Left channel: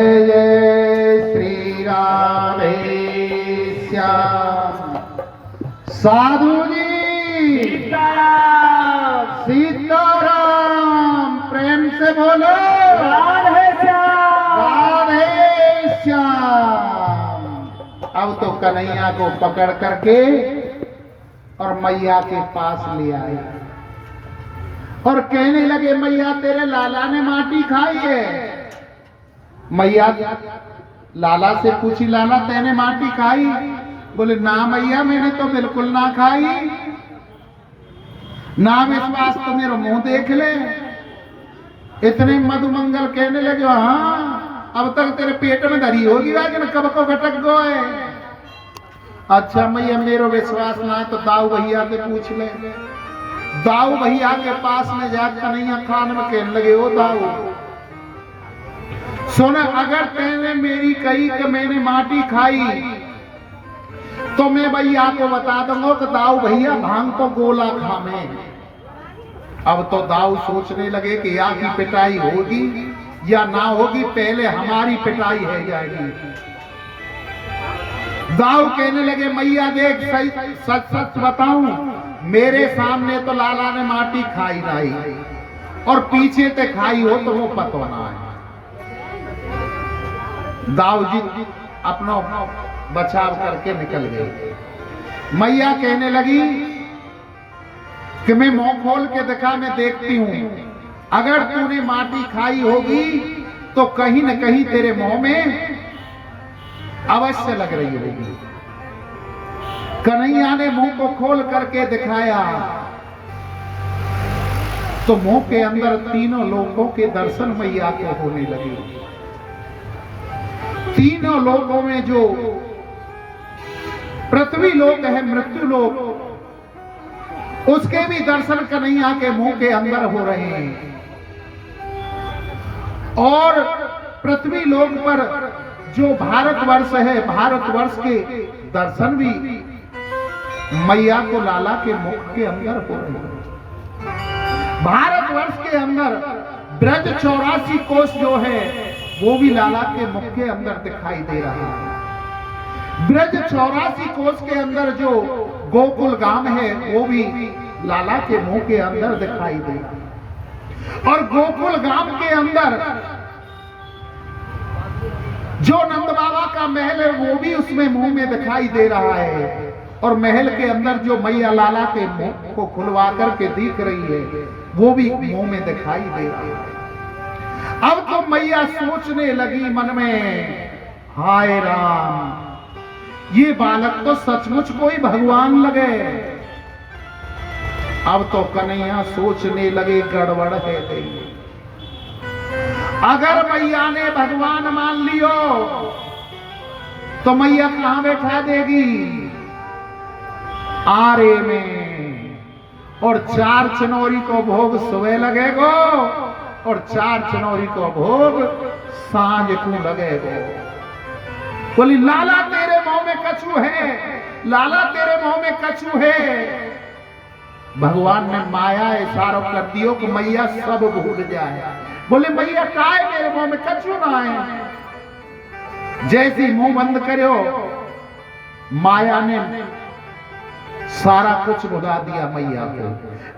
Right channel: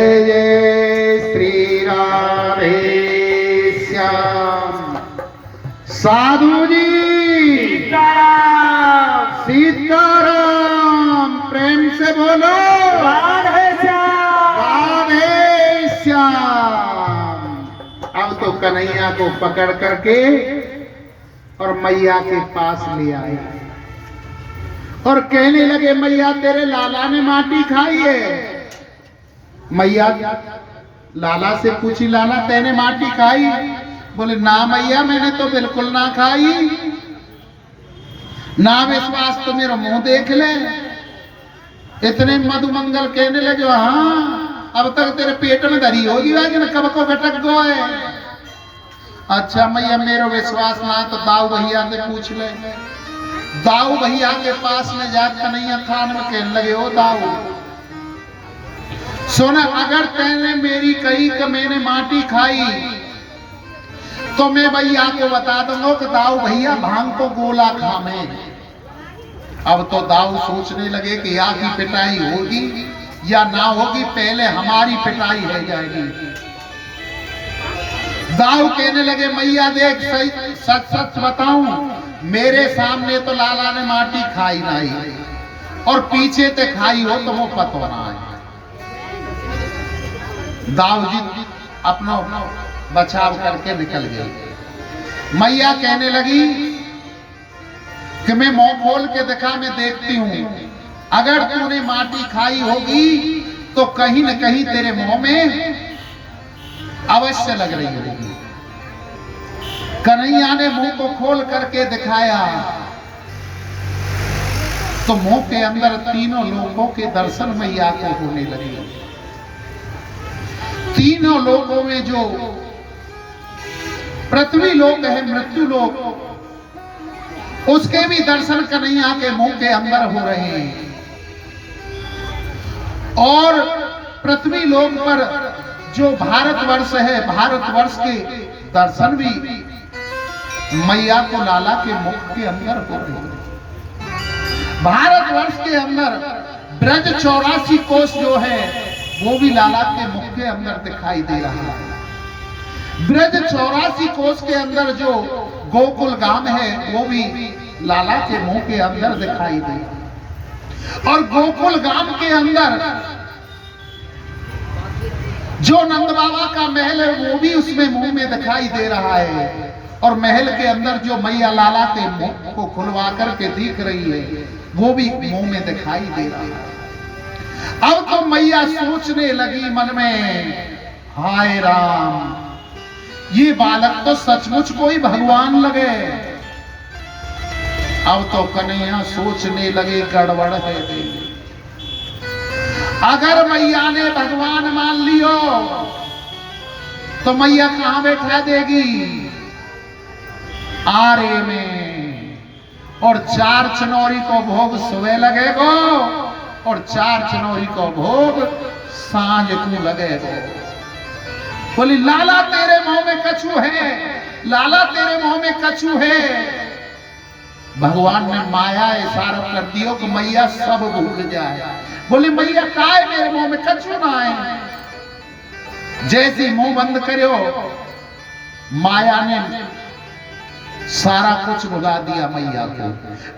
जय श्री राधे श्याम। साधु जी सीताराम, प्रेम से बोलो राधे श्याम, राधे श्याम। अब तो कन्हैया को पकड़ करके और मैया के पास ले आए और कहने लगे, मैया तेरे लाला ने माटी खाई है। मैया लाला से पूछी, लाला तेने माटी खाई? बोले ना मैया, मैंने तो बिल्कुल ना खाई। ना विश्वास तो मेरा मुंह देख ले। इतने मधुमंगल कहने लगे, हाँ अब तक तेरे पेट में धरी होगी, लेकिन कब को भटक गए। अच्छा मैया मेरा विश्वास ना तो दाऊ भैया से पूछ ले। दाऊ भैया के पास में जाकर कन्हैया खान में कहने लगे, ओ दाऊ सुन, अगर तेने मेरी कही कि मैंने माटी खाई तो मैं भैया को बता दूंगा कि दाऊ भैया भांग को गोला खामे। अब तो दाऊ सोचने लगे कि या की पिटाई होगी या ना होगी, पहले हमारी पिटाई हो जाएगी। दाऊ कहने लगे, मैया देख सच सच बताऊं, मेरे सामने तो लाला ने माटी खाई नहीं और पीछे ते खाई हो तो वो पतवना है। दाऊ जी अपना बचाव करके निकल गए। मैया कहने लगी कि मैं मुंह खोल के दिखा, मैं देखती हूं, अगर तूने माटी खाई होगी तो कहीं न कहीं तेरे मुंह में अवश्य लग रही होगी। कन्हैया ने मुंह को खोल करके दिखाया तो मुंह के अंदर तीनों लोगों के दर्शन मैया को होने लगे। तीनों लोकों में जो पृथ्वी लोक है, मृत्यु लोक, उसके भी दर्शन कन्हैया के मुंह के अंदर हो रहे हैं। और पृथ्वी लोक पर जो भारतवर्ष है, भारतवर्ष के दर्शन भी मैया को लाला के मुख के अंदर हो रहे हैं। भारतवर्ष के अंदर ब्रज 84 कोष जो है वो भी लाला के मुख के अंदर दिखाई दे रहा है। ब्रज 84 कोष के अंदर जो गोकुल गांव है वो भी लाला के मुंह के अंदर दिखाई दे, और गोकुल गांव के अंदर जो नंद बाबा का महल है वो भी उसमें मुंह में दिखाई दे रहा है, और महल के अंदर जो मैया लाला के मुंह को खुलवा करके दिख रही है वो भी मुंह में दिखाई दे रही है। अब तो मैया सोचने लगी मन में, हाय राम, ये बालक तो सचमुच कोई भगवान लगे। अब तो कन्हैया सोचने लगे, गड़बड़ है गई। अगर मैया ने भगवान मान लियो तो मैया कहां बैठा देगी? आरे में, और 4 चनौरी को भोग सुबह लगेगा और 4 चनौरी को भोग सांझ को लगेगा। बोली लाला तेरे मुंह में कछू है, लाला तेरे मुंह में कछू है। भगवान ने माया इशारा कर दियो कि मैया सब भूल जाए। बोले मैया काय मेरे मुंह में कछू ना है। जैसे मुंह बंद करो माया ने सारा कुछ भुला दिया मैया को।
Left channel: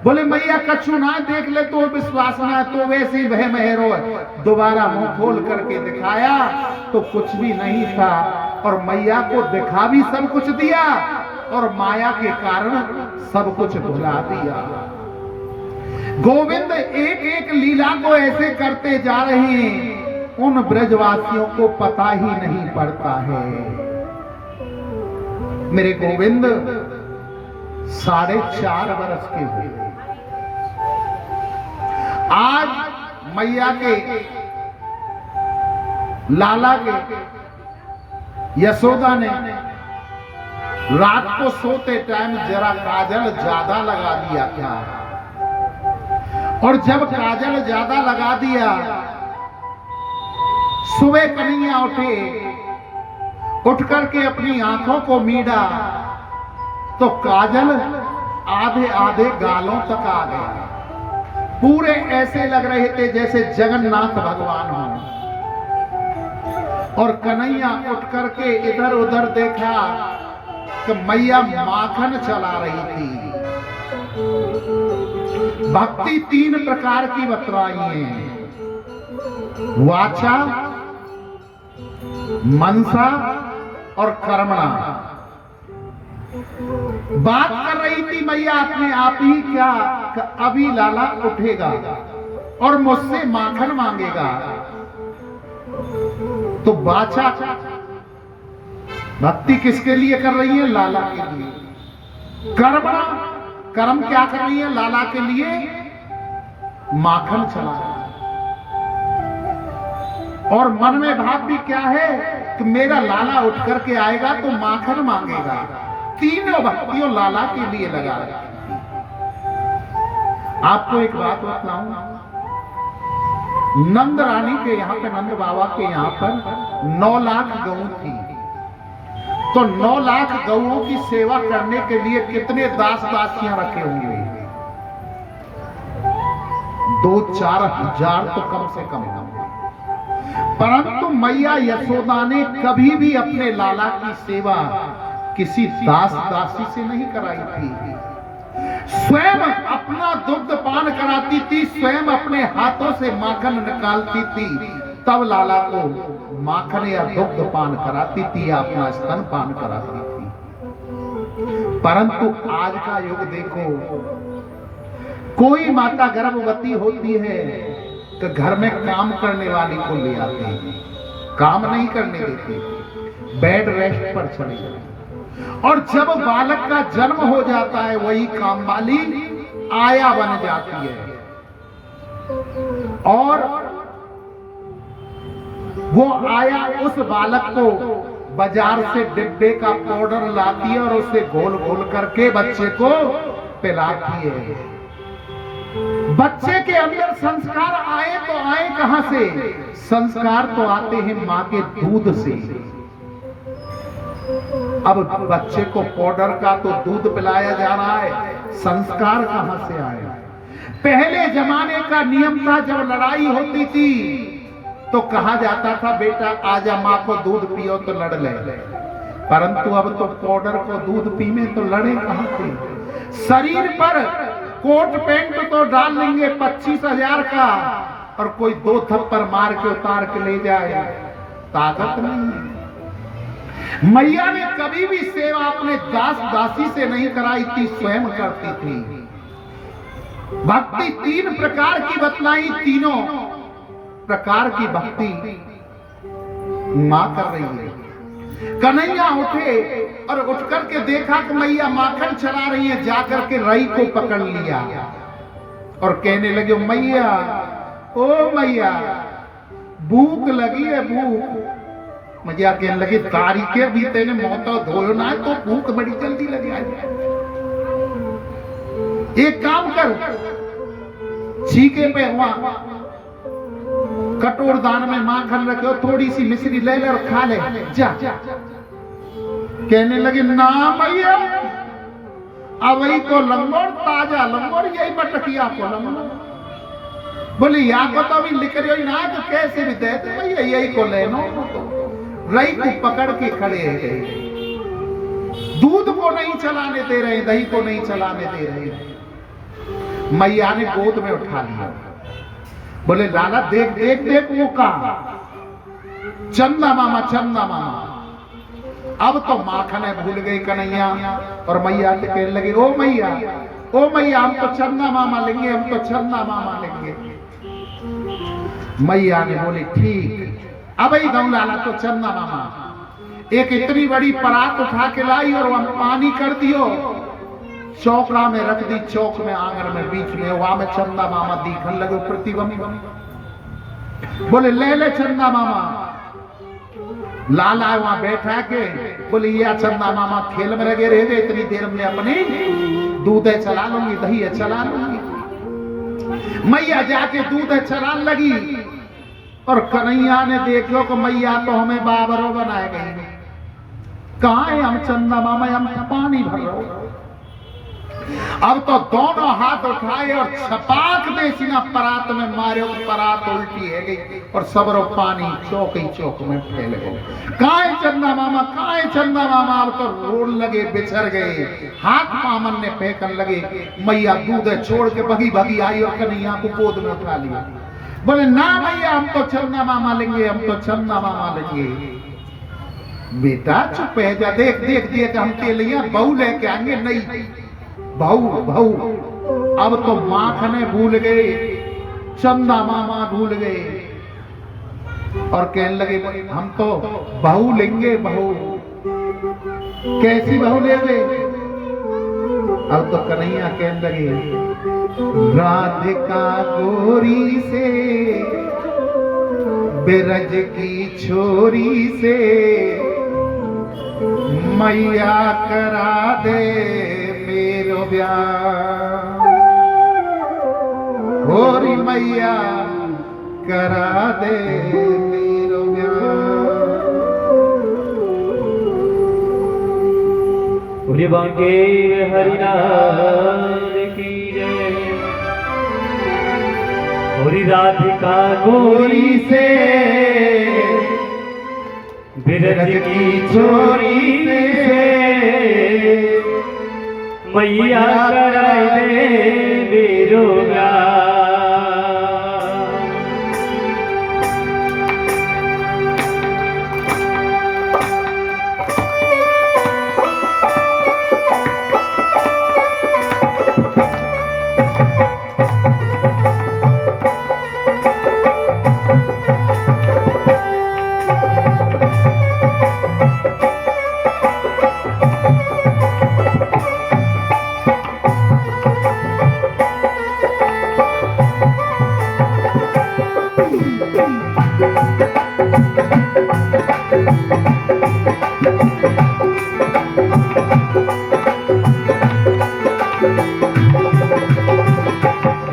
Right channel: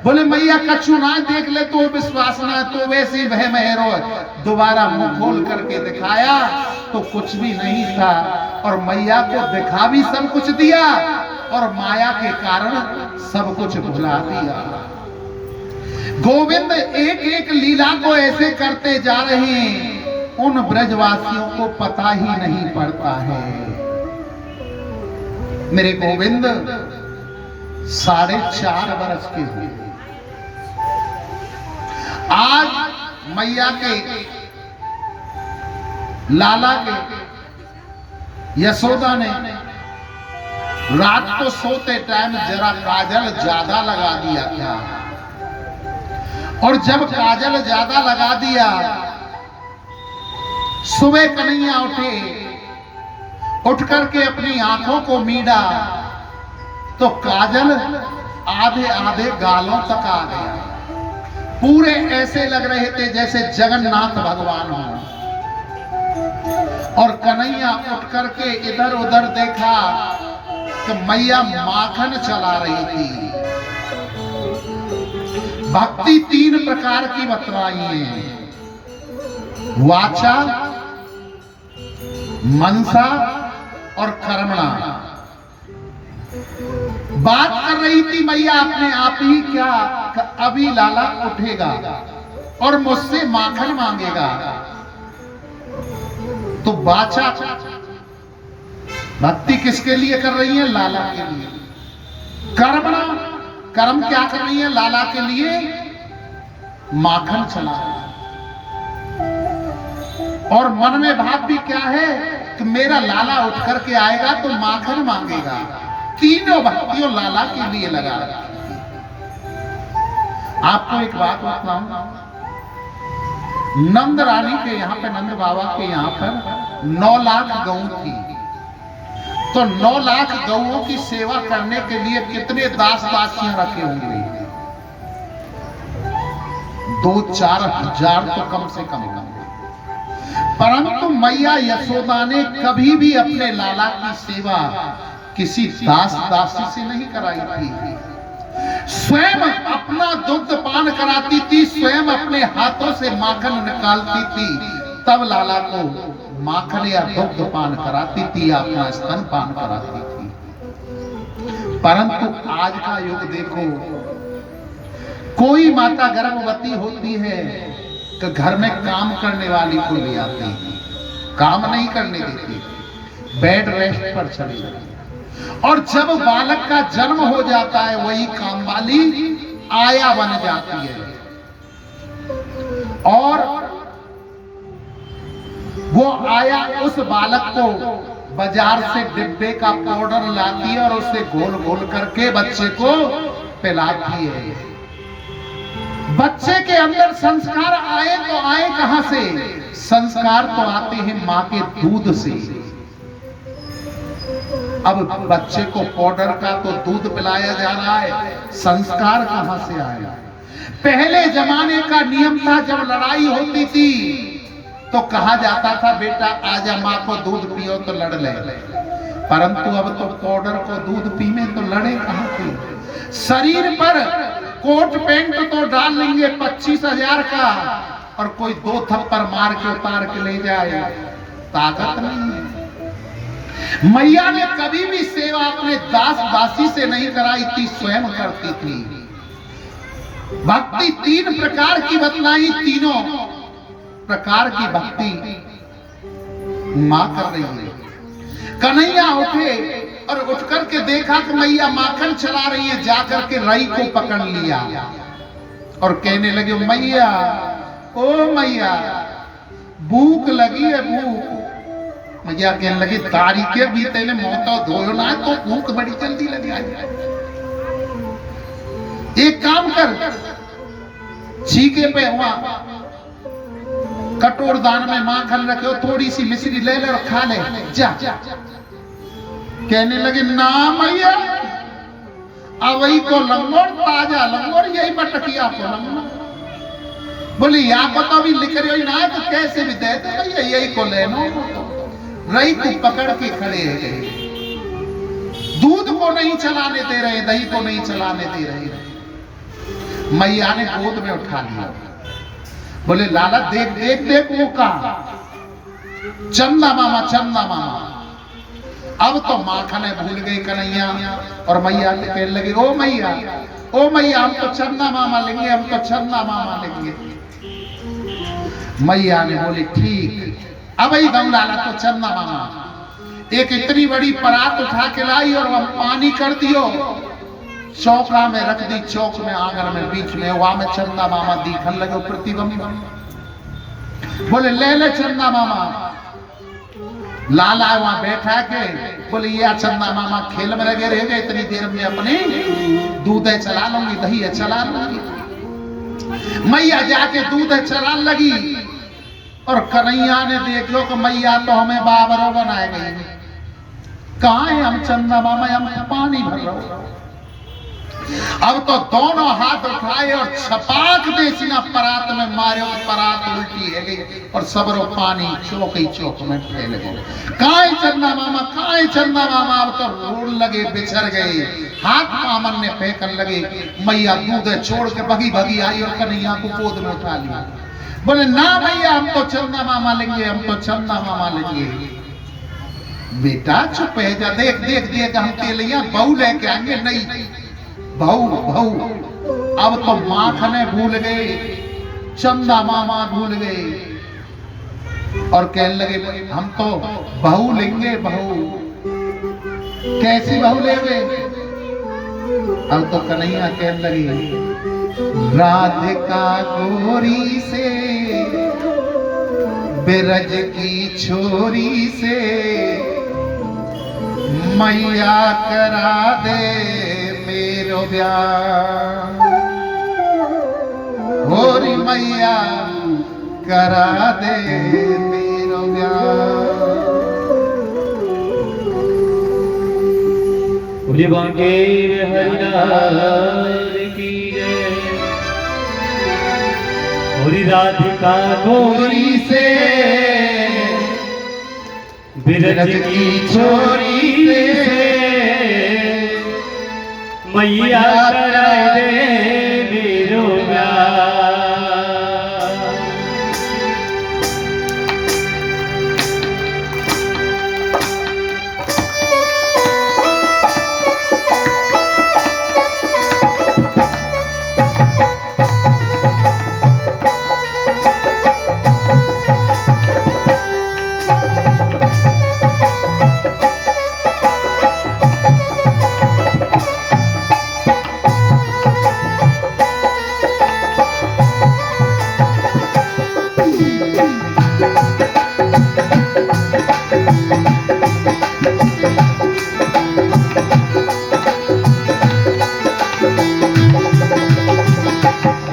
बोले मैया कछू ना देख ले तो विश्वास ना, तो वैसे ही वह मेहरो। दोबारा मुंह खोल करके दिखाया तो कुछ भी नहीं था, और मैया को दिखा भी सब कुछ दिया और माया के कारण सब कुछ भुला दिया। गोविंद एक एक लीला को ऐसे करते जा रहे हैं, उन ब्रजवासियों को पता ही नहीं पड़ता है। मेरे गोविंद 4.5 वर्ष के हुए। आज मैया के लाला के यशोदा ने रात को सोते टाइम जरा काजल ज्यादा लगा दिया था, और जब काजल ज्यादा लगा दिया, सुबह कन्हैया उठे, उठ करके अपनी आंखों को मीडा तो काजल आधे आधे गालों तक आ गया। पूरे ऐसे लग रहे थे जैसे जगन्नाथ भगवान हो। और कन्हैया उठ करके इधर उधर देखा कि मैया माखन चला रही थी। भक्ति 3 प्रकार की बतलाई है, वाचा, मनसा और कर्मणा। बात कर रही थी मैया अपने आप ही क्या कि अभी लाला उठेगा और मुझसे माखन मांगेगा। तो वाचा भक्ति किसके लिए कर रही है? लाला के लिए। कर्मणा, कर्म क्या कर रही है? लाला के लिए माखन चला। और मन में भाव भी क्या है कि मेरा लाला उठ करके आएगा तो माखन मांगेगा। तीनों भक्तियों लाला के लिए लगा रखी। आपको एक बात बताऊं, नंद रानी के यहाँ पे, नंद बाबा के यहाँ पर 9 लाख गौ थी। तो 9 लाख गौओं की सेवा करने के लिए कितने दास दासियां रखे होंगे? 2-4 हजार तो कम से कम। परंतु मैया यशोदा ने कभी भी अपने लाला की सेवा किसी दास दासी से नहीं कराई थी। स्वयं अपना दुग्ध पान कराती थी, स्वयं अपने हाथों से माखन निकालती थी, तब लाला को माखन या दुग्ध पान कराती थी या अपना स्तन पान कराती थी। परंतु आज का युग देखो, कोई माता गर्भवती होती है तो घर में काम करने वाली को ले आते हैं, काम नहीं करने देते, बेड रेस्ट पर चले जाते। और जब बालक का जन्म हो जाता है वही काम वाली आया बन जाती है और वो आया उस बालक को बाजार से डिब्बे का पाउडर लाती है और उसे घोल घोल करके बच्चे को पिलाती है। बच्चे के अंदर संस्कार आए तो आए कहां से? संस्कार तो आते हैं मां के दूध से। अब बच्चे को पाउडर का तो दूध पिलाया जा रहा है, संस्कार कहां से आए? पहले जमाने का नियम था, जब लड़ाई होती थी तो कहा जाता था बेटा आजा मां को दूध पियो तो लड़ ले। परंतु अब तो पाउडर को दूध पीने तो लड़े कहां थे? शरीर पर कोट पैंट तो डाल लेंगे 25,000 का और कोई 2 थप्पड़ मार के उतार के ले जाए, ताकत नहीं है। मैया ने कभी भी सेवा अपने दास दासी से नहीं कराई थी, स्वयं करती थी। भक्ति 3 प्रकार की बतलाई, तीनों प्रकार की भक्ति मां कर रही है। कन्हैया उठे और उठ करके देखा कि मैया माखन चला रही है, जाकर के रई को पकड़ लिया और कहने लगे मैया, ओ मैया भूख लगी है, भूख। मैया कहने लगे तारी के भी तेने मोता धोयो ना तो भूख बड़ी जल्दी लगी आई। एक काम कर, छीके पे हुआ कटोर दान में माखन रखे, थोड़ी सी मिश्री ले ले और खा ले जा। कहने लगे ना मैया, अवई को लंगोर, ताजा लंगोर, यही बटकिया को लंगोर। बोले या को तो अभी लिख रही ना तो कैसे भी देते भैया, यही को लेनो। रई को पकड़ के खड़े हैं, दूध को नहीं चलाने दे रहे, दही को नहीं चलाने दे रहे। मैया ने गोद में उठा लिया, बोले लाला देख देख देख वो का चंदा मामा, चंदा मामा। अब तो माखन है भूल गई कन्हैया और मैया कहने लगी ओ मैया, ओ मैया हम तो चंदा मामा लेंगे, हम तो चंदा मामा लेंगे। मैया ने बोली ठीक, अब ही गौ लाला तो चंदा मामा। एक इतनी बड़ी परात उठा के लाई और वह पानी कर दियो, चौका में रख दी, चौक में आंगन में बीच में, वहां में चंदा मामा दिखन लगे प्रतिबंध। बोले ले ले चंदा मामा। लाला वहां बैठा के बोले या चंदा मामा खेल में लगे रह गए, इतनी देर में अपने दूध है चला लूंगी, दही है चला लूंगी। मैया जाके दूध है चला लगी और कन्हैया ने देखो कि मैया तो हमें बाबरो बनाए गए, कहां है हम चंदा मामा, हम पानी भर रहे। अब तो दोनों हाथ उठाए और छपाक दे सीना परात में मारे, परात उल्टी है गई और सबरो पानी चौक ही चौक में फैल गए। काए चंदा मामा, काए चंदा मामा। अब तो रोड लगे, बिछड़ गए, हाथ पामन ने फेंकन लगे। मैया दूध छोड़ के भगी भगी आई और कन्हैया को गोद में उठा लिया। बोले ना भैया, हम तो चंदा मामा लेंगे, हम तो चंदा मामा लेंगे। बेटा चुप है जा, देख देख देख हम के लिए बहू लेके आएंगे। नहीं बहू बहू, अब तो माखने भूल गए, चंदा मामा भूल गए और कहने लगे हम तो बहू लेंगे। बहू कैसी बहू लेंगे? अब तो कन्हैया कहने लगे राधिका गोरी से, बिरज की छोरी से, मैया करा दे मेरो ब्याह। होरी मैया करा दे मेरो ब्याह। मुझे बांके हरिनाथ की जय। होरी राधिका गोरी से, बिरज की छोरी से, मैया करा दे मेरो ब्याह।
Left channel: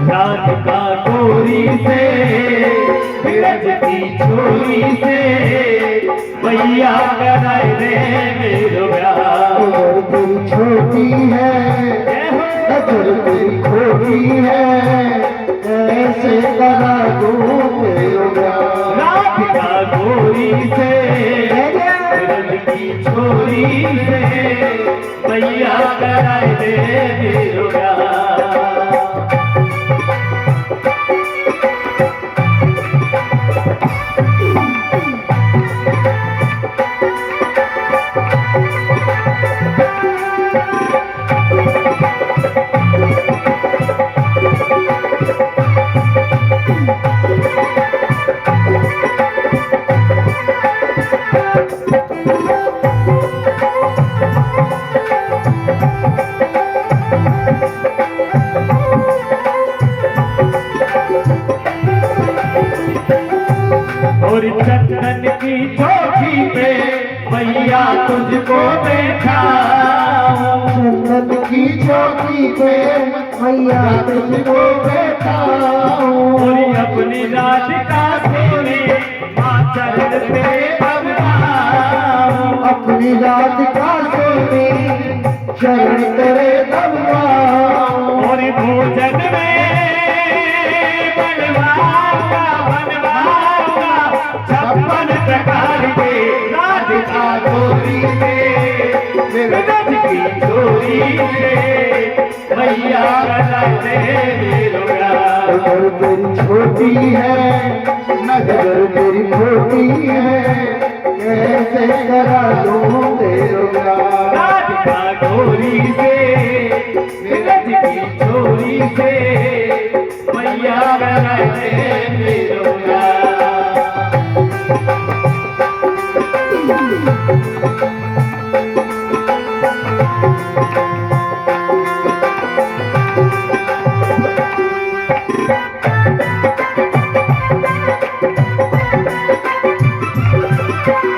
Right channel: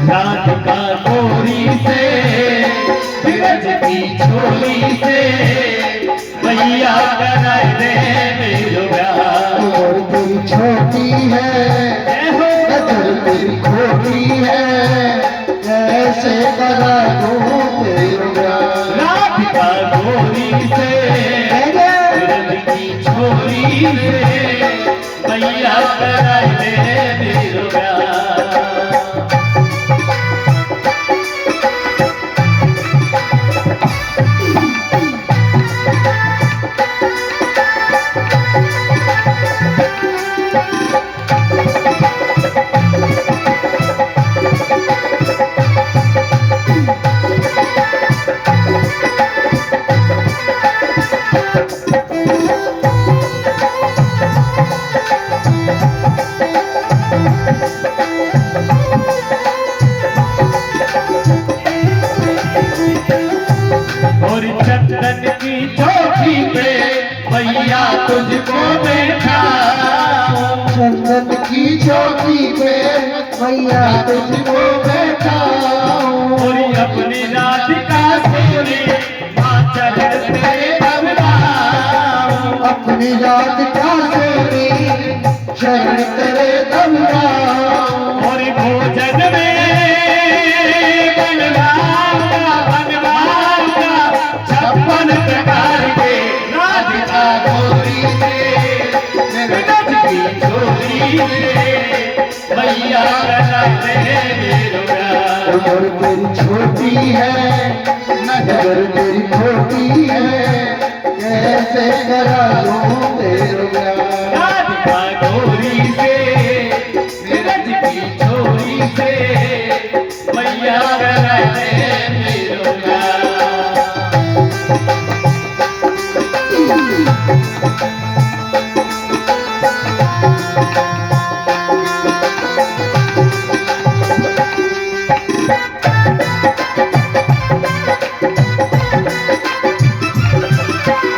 राधिका गोरी से, बिरज की छोरी से, मैया करा दे मेरो ब्याह। दिल छोटी है, दिल तेरी खोटी है, कैसे करा दूं मेरो ब्याह। राधिका गोरी से, बिरज की छोरी से, मैया करा दे मेरो ब्याह। और चंदन की चौकी पे मैया तुझको देखा। चंदन की चौकी पे मैया तुझको बैठा। और अपनी राधिका सोनी माँ चरण तेरे दबनाऊं। अपनी राधिका सोनी चरण तेरे दबनाऊं। और भोजन में बनवाऊंगा 56 प्रकार के राधिका गोरी से, बिरज की छोरी से, मैया करा दे मेरो ब्याह। नजर तेरी छोटी है, नजर तेरी छोटी है, कैसे करा दूं तेरो ब्याह। राधिका गोरी से, बिरज की छोरी से, मैया करा दे मेरो ब्याह।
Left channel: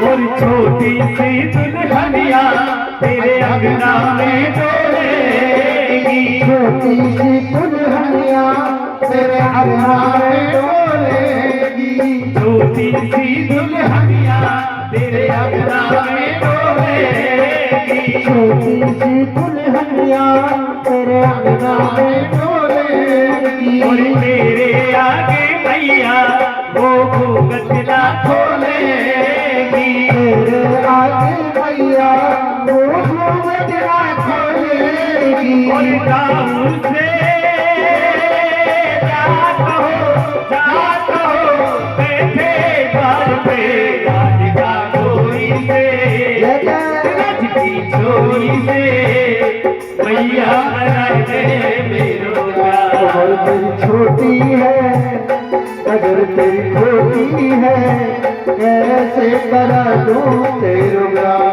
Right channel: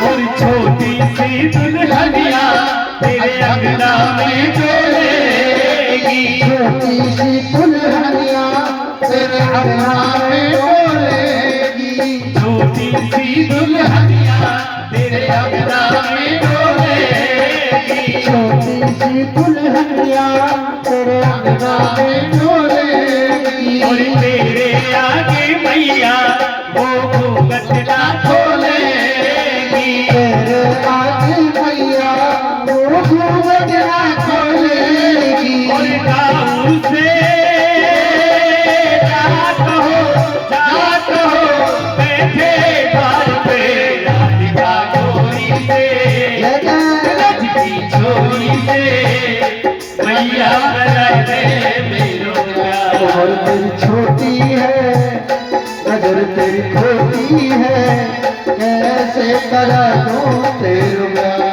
और छोटी सी दुल्हनिया तेरे अंगना में डोलेगी। छोटी सी दुल्हनिया तेरे अंगना में डोलेगी। छोटी सी दुल्हनिया तेरे अंगना में डोलेगी। छोटी सी दुल्हनिया तेरे करा दूं तेरो ब्याह।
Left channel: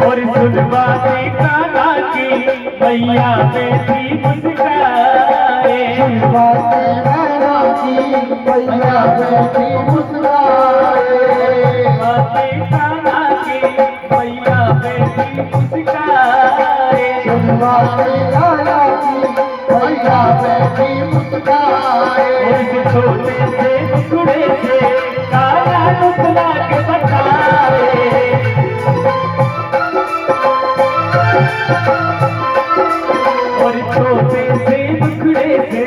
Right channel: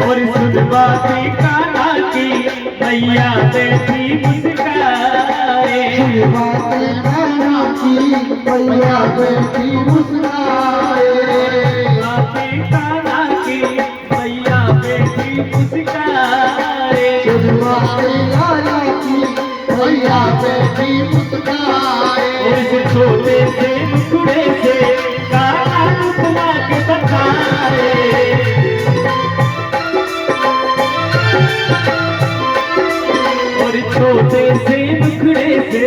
और सुन बाती कान्हा की मैया बेटी मुस्काए। सुन बाती कान्हा की मैया बेटी मुस्काए। बाती कान्हा की मैया बेटी मुस्काए। सुन बाती कान्हा की मैया बेटी मुस्काए। उस छोटे से मुखड़े से कान्हा मुस्कुरा के बताए। छोटे से मुखड़े से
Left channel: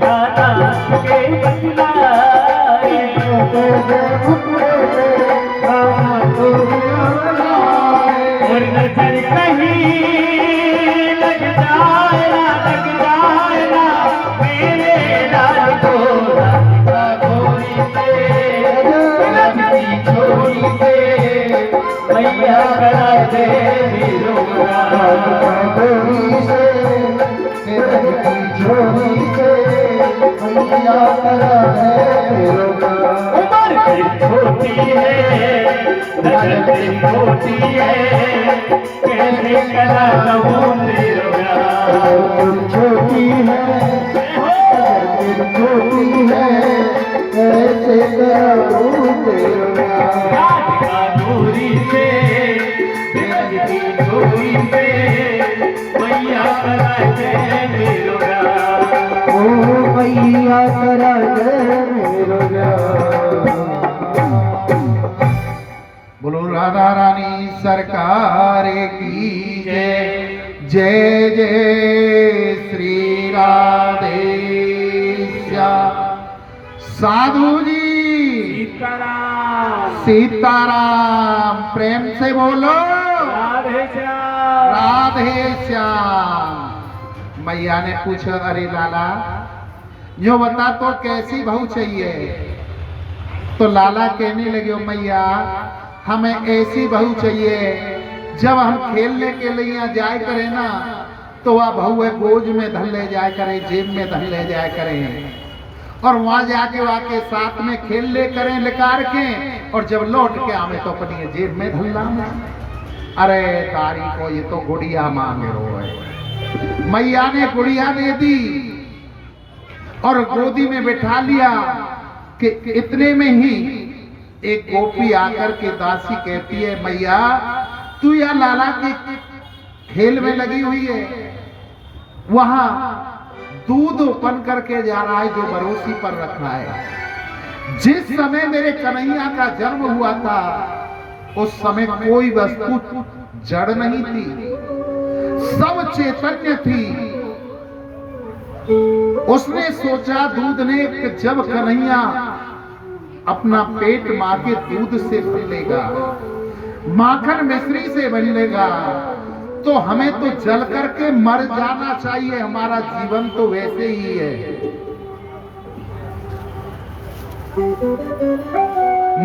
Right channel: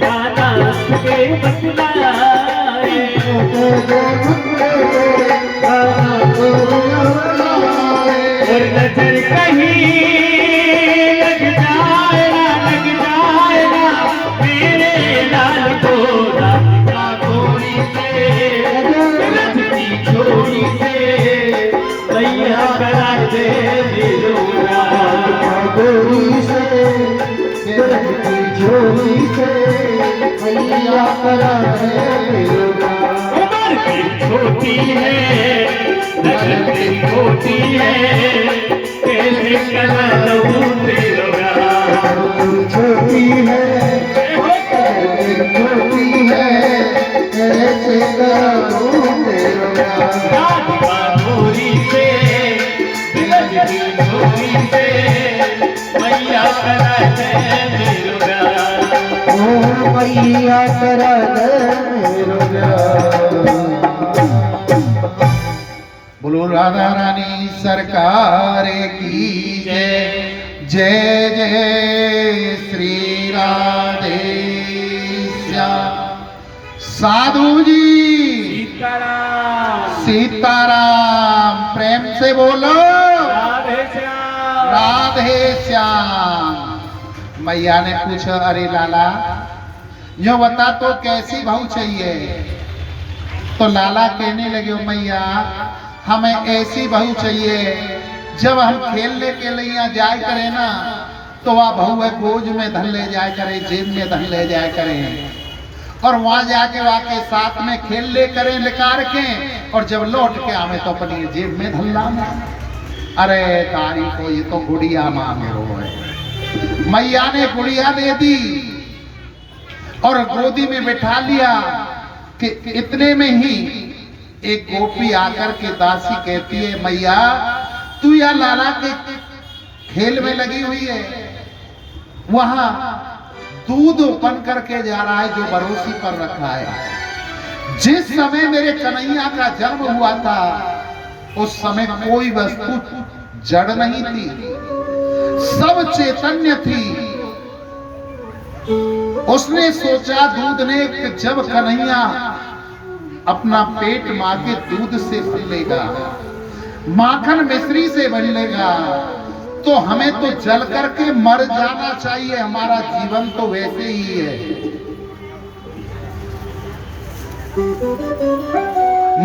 कान्हा के बतलाए। और नजर कहीं लग जाए ना मेरे लाल को राधिका गोरी से लगती छोरी से मैया करा दे राधिका गोरी से झोली से मैया करा दे उम्र भी छोटी है नजर भी छोटी है कैसे करा दूं तेरा छोटी है छोटी है कैसे करा दूं तेरा राधिका गोरी से लगती छोरी से मैया करा दे मैया करा दे मेरो बोलो राधा रानी सरकार की जय। जय जय श्री राधे श्याम। साधु जी सीताराम प्रेम से बोलो राधे श्याम। राधे श्याम। मैया ने पूछा अरे लाला यो बता तो कैसी बहू चाहिए। तो लाला कहने लगे मैया हमें ऐसी बहू चाहिए जब हम खेलने के लिए जाए करे ना तो वह बहू है गोद में धन ले जाए करे जेब में धन ले जाए करे और वहां जाके वाके साथ में खेल ले करें निकार के और जब लौट के आवे तो अपनी जेब में धन लावे। अरे तारी को ये तो गुड़िया मांगे रो है। मैया ने गुड़िया दे दी और गोदी में बिठा लिया कि इतने में ही एक गोपी आकर के दासी कहती है मैया तू या लाला के खेल में लगी हुई है वहां दूध बन करके जा रहा है जो बरोसी पर रखा है। जिस समय मेरे कन्हैया का जन्म हुआ था उस समय कोई वस्तु जड़ नहीं थी सब चैतन्य थी। उसने सोचा दूध ने जब कन्हैया अपना पेट मां के दूध से भर लेगा माखन मिश्री से बन लेगा तो हमें तो जल करके मर जाना चाहिए। हमारा जीवन तो वैसे ही है।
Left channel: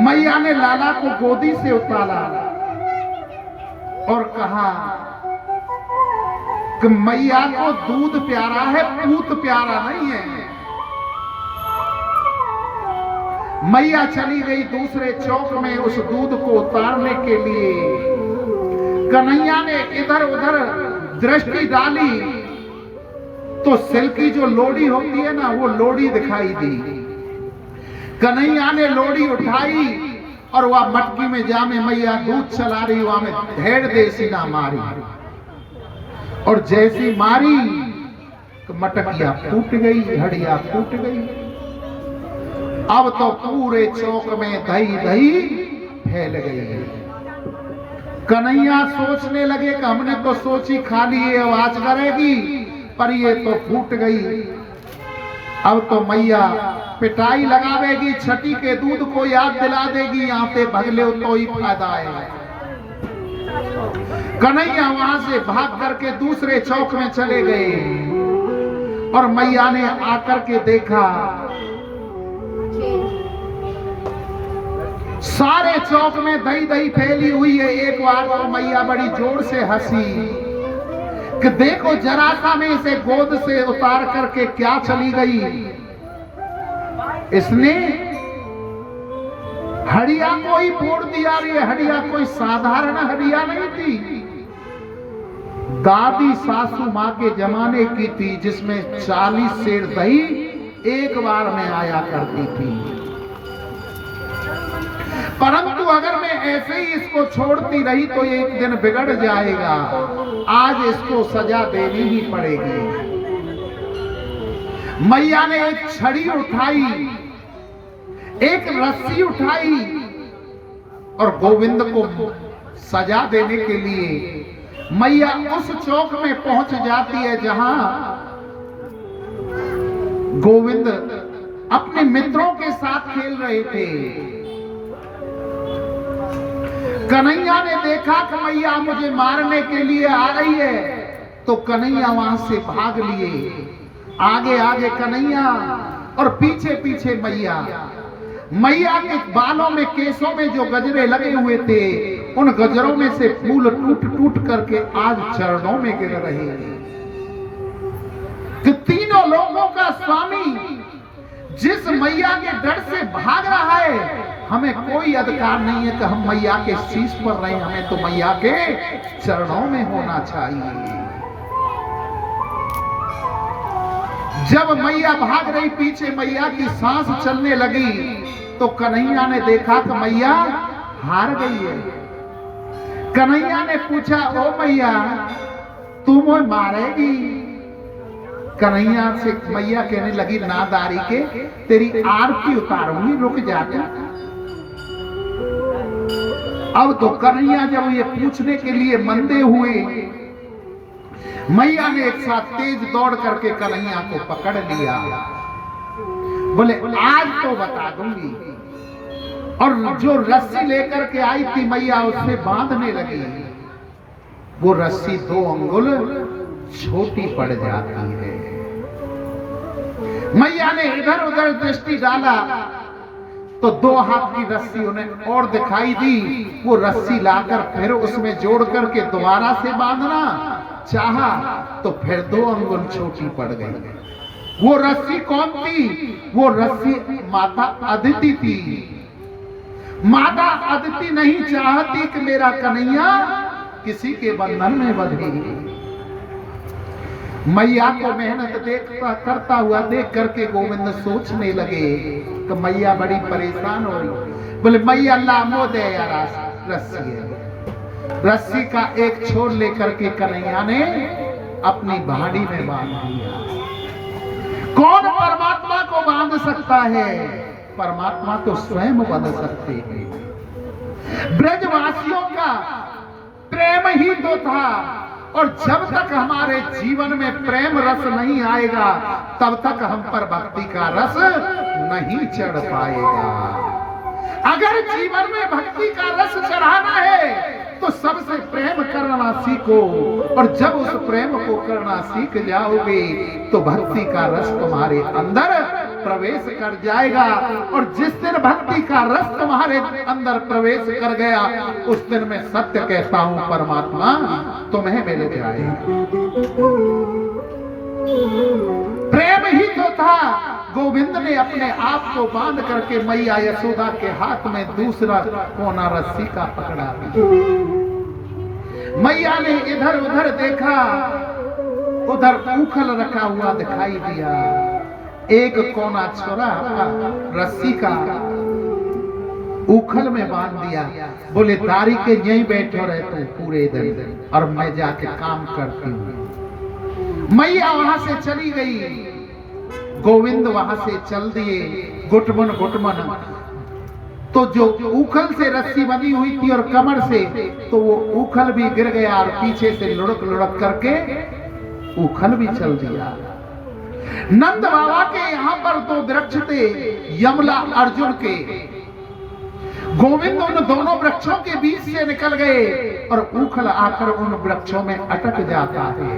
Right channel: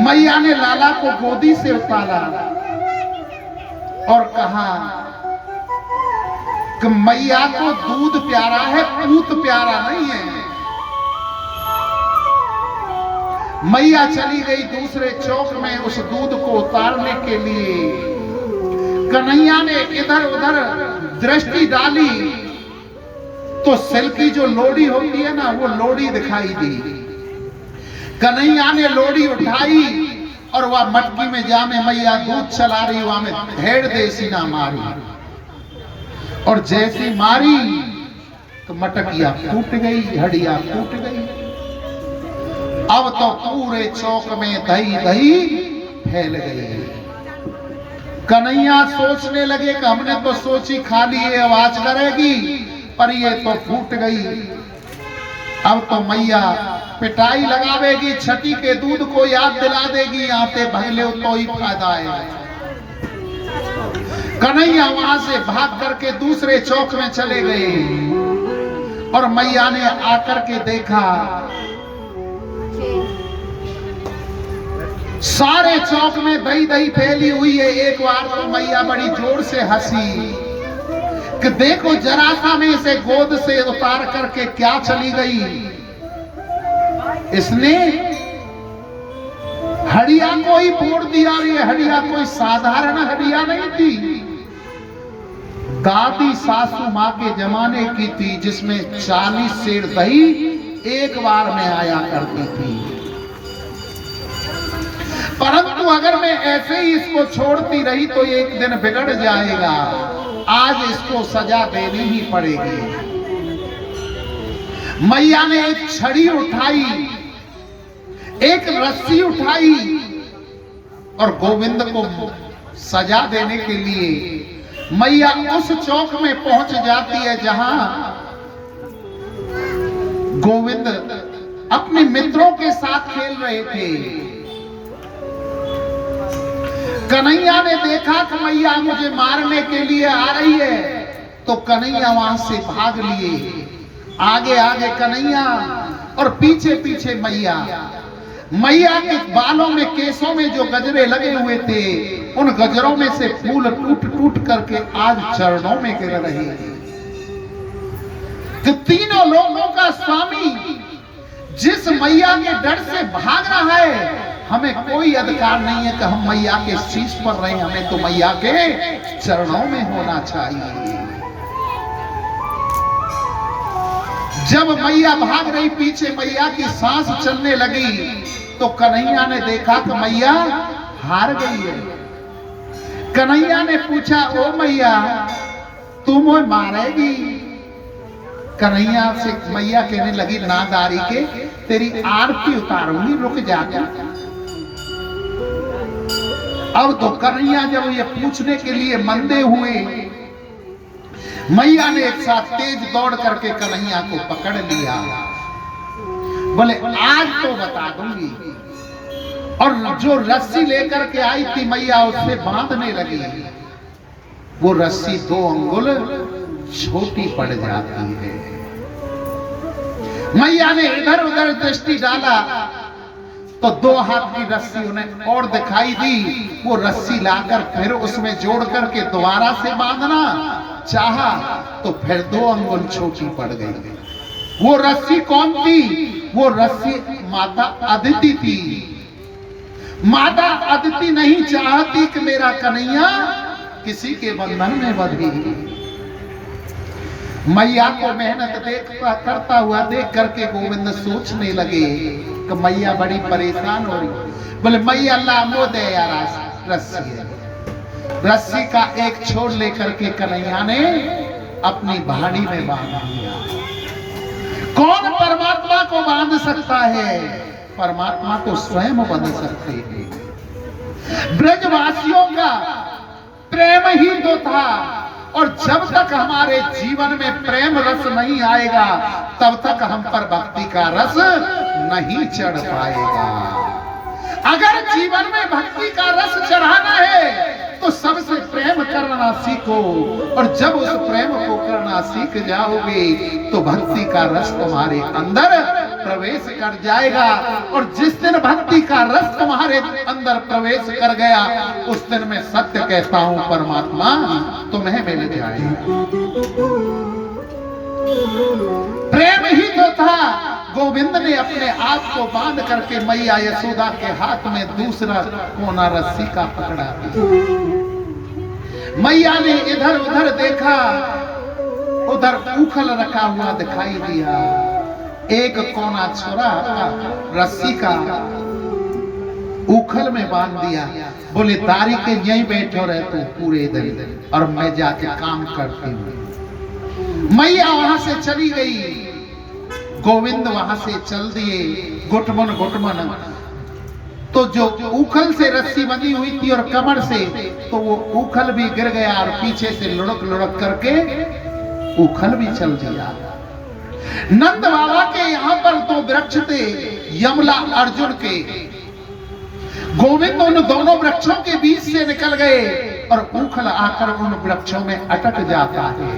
मैया ने लाला को गोदी से उतारा और कहा कि मैया को दूध प्यारा है पूत प्यारा नहीं है। मैया चली गई दूसरे चौक में उस दूध को उतारने के लिए। कन्हैया ने इधर उधर दृष्टि डाली तो सिल की जो लोड़ी होती है ना वो लोड़ी दिखाई दी। कन्हैया ने लोड़ी उठाई और वह मटकी में जामे मैया दूध चला रही वहां में धेड़ देसी ना मारी और जैसी मारी तो मटकिया फूट गई, हड्डियां फूट गई। अब तो पूरे चौक में दही दही फैल गई। कन्हैया सोचने लगे कि हमने तो सोची खाली ये आवाज करेगी, पर ये तो फूट गई। अब तो मैया पिटाई लगावेगी, छठी के दूध को याद दिला देगी, यहाँ से भगले तो ही फायदा है। कन्हैया वहां से भाग करके दूसरे चौक में चले गए और मैया ने आकर के देखा सारे चौक में दही दही फैली हुई है। एक बार तो मैया बड़ी जोर से हंसी कि देखो जरा सा में इसे गोद से उतार करके क्या चली गई। इसने हड्डिया को ही फोड़ दिया। ये हड्डिया कोई साधारण हड्डिया नहीं थी, दादी सासू मां के जमाने की थी, जिसमें 40 सेर दही एक बार में आया करती थी। परंतु अगर मैं ऐसे ही इसको छोड़ती रही तो एक दिन बिगड़ जाएगा। आज इसको सजा देनी ही पड़ेगी। मैया ने एक छड़ी उठाई, एक रस्सी उठाई और गोविंद को सजा देने के लिए मैया उस चौक में पहुंच जाती है जहां गोविंद अपने मित्रों के साथ खेल रहे थे। कन्हैया ने देखा कि मैया मुझे मारने के लिए आ रही है, तो कन्हैया वहां से भाग लिए। आगे आगे कन्हैया और पीछे पीछे मैया। मैया के बालों में, केसों में जो गजरे लगे हुए थे, उन गजरों में से फूल टूट टूट करके आज चरणों में गिर रहे हैं। तो तीनों लोगों का स्वामी जिस मैया के डर से भाग रहा है, हमें कोई अधिकार नहीं है कि हम मैया के शीश पर रहे। हमें तो मैया के चरणों में होना चाहिए। जब मैया भाग रही, पीछे मैया की सांस चलने लगी, तो कन्हैया ने देखा कि मैया हार गई है। कन्हैया ने पूछा, ओ मैया तू मुझे मारेगी? कन्हैया से मैया कहने लगी, नादारी के तेरी आरती उतारूंगी, रुक जाकर। अब तो कन्हैया जब ये पूछने के लिए मंदे हुए, मैया ने एक साथ तेज दौड़ करके कन्हैया को पकड़ लिया। बोले आज तो बता दूंगी। और जो रस्सी लेकर के आई थी मैया, उससे बांधने लगी। वो रस्सी 2 अंगुल छोटी पड़ जाती है। मैया ने इधर उधर दृष्टि डाला तो 2 हाथ की रस्सी उन्हें और दिखाई दी। वो रस्सी लाकर फिर उसमें जोड़ करके दोबारा से बांधना चाहा तो फिर 2 अंगुल छोटी पड़ गई। वो रस्सी कौन थी? वो रस्सी माता अदिति थी। माता अदिति नहीं चाहती कि मेरा कन्हैया किसी के बंधन में बंधी। मैया को मेहनत करता हुआ देख करके गोविंद सोचने लगे कि मैया बड़ी परेशान हो रही। बोले मैया लामो दे यार रस्सी है। रस्सी का एक छोर लेकर के कन्हैया ने अपनी भाड़ी में बांध दिया। कौन परमात्मा को बांध सकता है? परमात्मा तो स्वयं बंध सकते हैं। ब्रजवासियों का प्रेम ही तो था, और जब तक हमारे जीवन में प्रेम रस नहीं आएगा, तब तक हम पर भक्ति का रस नहीं चढ़ पाएगा। अगर जीवन में भक्ति का रस चढ़ाना है तो सबसे प्रेम करना सीखो, और जब उस प्रेम को करना सीख जाओगे तो भक्ति का रस तुम्हारे अंदर प्रवेश कर जाएगा। और जिस दिन भक्ति का रस तुम्हारे अंदर प्रवेश कर गया, उस दिन मैं सत्य कहता हूं परमात्मा तुम्हें मिल जाएगा। प्रेम ही तो था। गोविंद ने अपने आप को बांध करके मैया यशोदा के हाथ में दूसरा कोना रस्सी का पकड़ा। मैया ने इधर उधर देखा, उधर उखल रखा हुआ दिखाई दिया। एक कोना छोड़ा रस्सी का उखल में बांध दिया। बोले दारी के यहीं बैठो रहते पूरे दिन, और मैं जाके काम करती हूँ। मैया वहां से चली गई, गोविंद वहां से चल दिए। गुटमन गुटमन तो जो उखल से रस्सी बंधी हुई थी और कमर से, तो वो उखल भी गिर गया और पीछे से लुढ़क लुढ़क करके उखल भी चल दिया। नंद बाबा के यहां पर दो वृक्ष थे, यमला अर्जुन के। गोविंद उन दोनों वृक्षों के बीच से निकल गए और उखल आकर उन वृक्षों में अटक जाता है।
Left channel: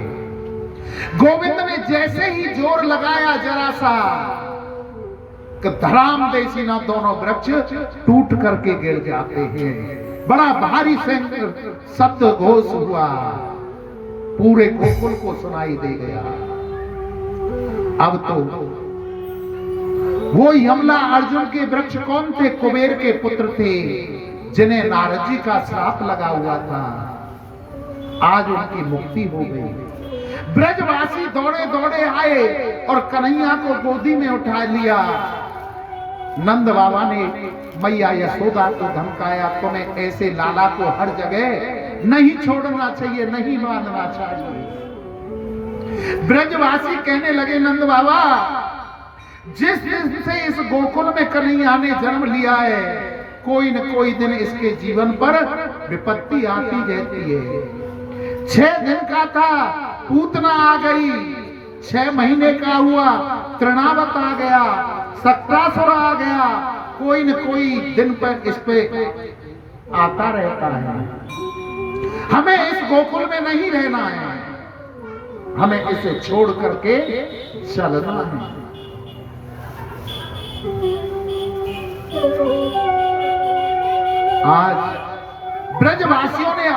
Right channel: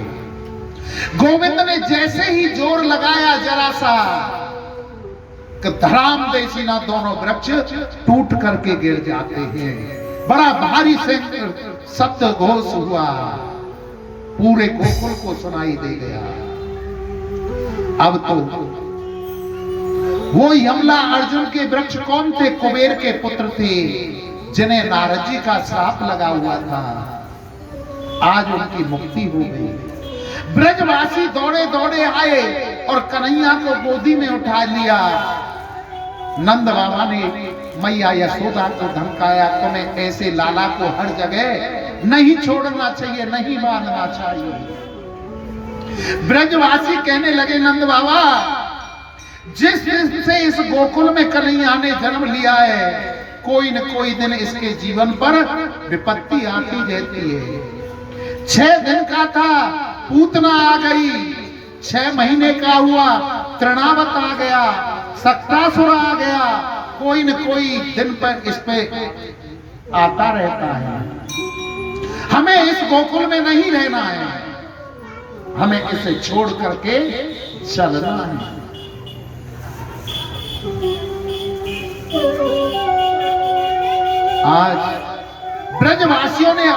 गोविंद ने जैसे ही जोर लगाया जरा सा, कि धराम देसी ना दोनों वृक्ष टूट करके गिर जाते हैं। बड़ा भारी शब्द घोष हुआ, पूरे गोकुल को सुनाई दे गया। अब तो वो यमला अर्जुन के वृक्ष कौन थे? कुबेर के पुत्र थे, जिन्हें नारद जी का श्राप लगा हुआ था। आज उनकी मुक्ति हो गई। ब्रजवासी दौड़े दौड़े आए और कन्हैया को गोदी में उठा लिया। नंद बाबा ने मैया यशोदा को धमकाया, तुम्हें ऐसे लाला को हर जगह नहीं छोड़ना चाहिए, नहीं मानना चाहिए। ब्रजवासी कहने लगे, नंद बाबा, जिस दिन से इस गोकुल में कन्हैया ने जन्म लिया है, कोई न कोई दिन इसके जीवन पर विपत्ति आती रहती है। 6 दिन का था, पूतना आ गई। 6 महीने का हुआ, तृणावत आ गया, सक्तासुर आ गया। कोई न कोई दिन पर इस पे आता रहता है। हमें इस गोकुल में नहीं रहना है, हमें इसे छोड़ करके चलना है। आज ब्रजवासियों ने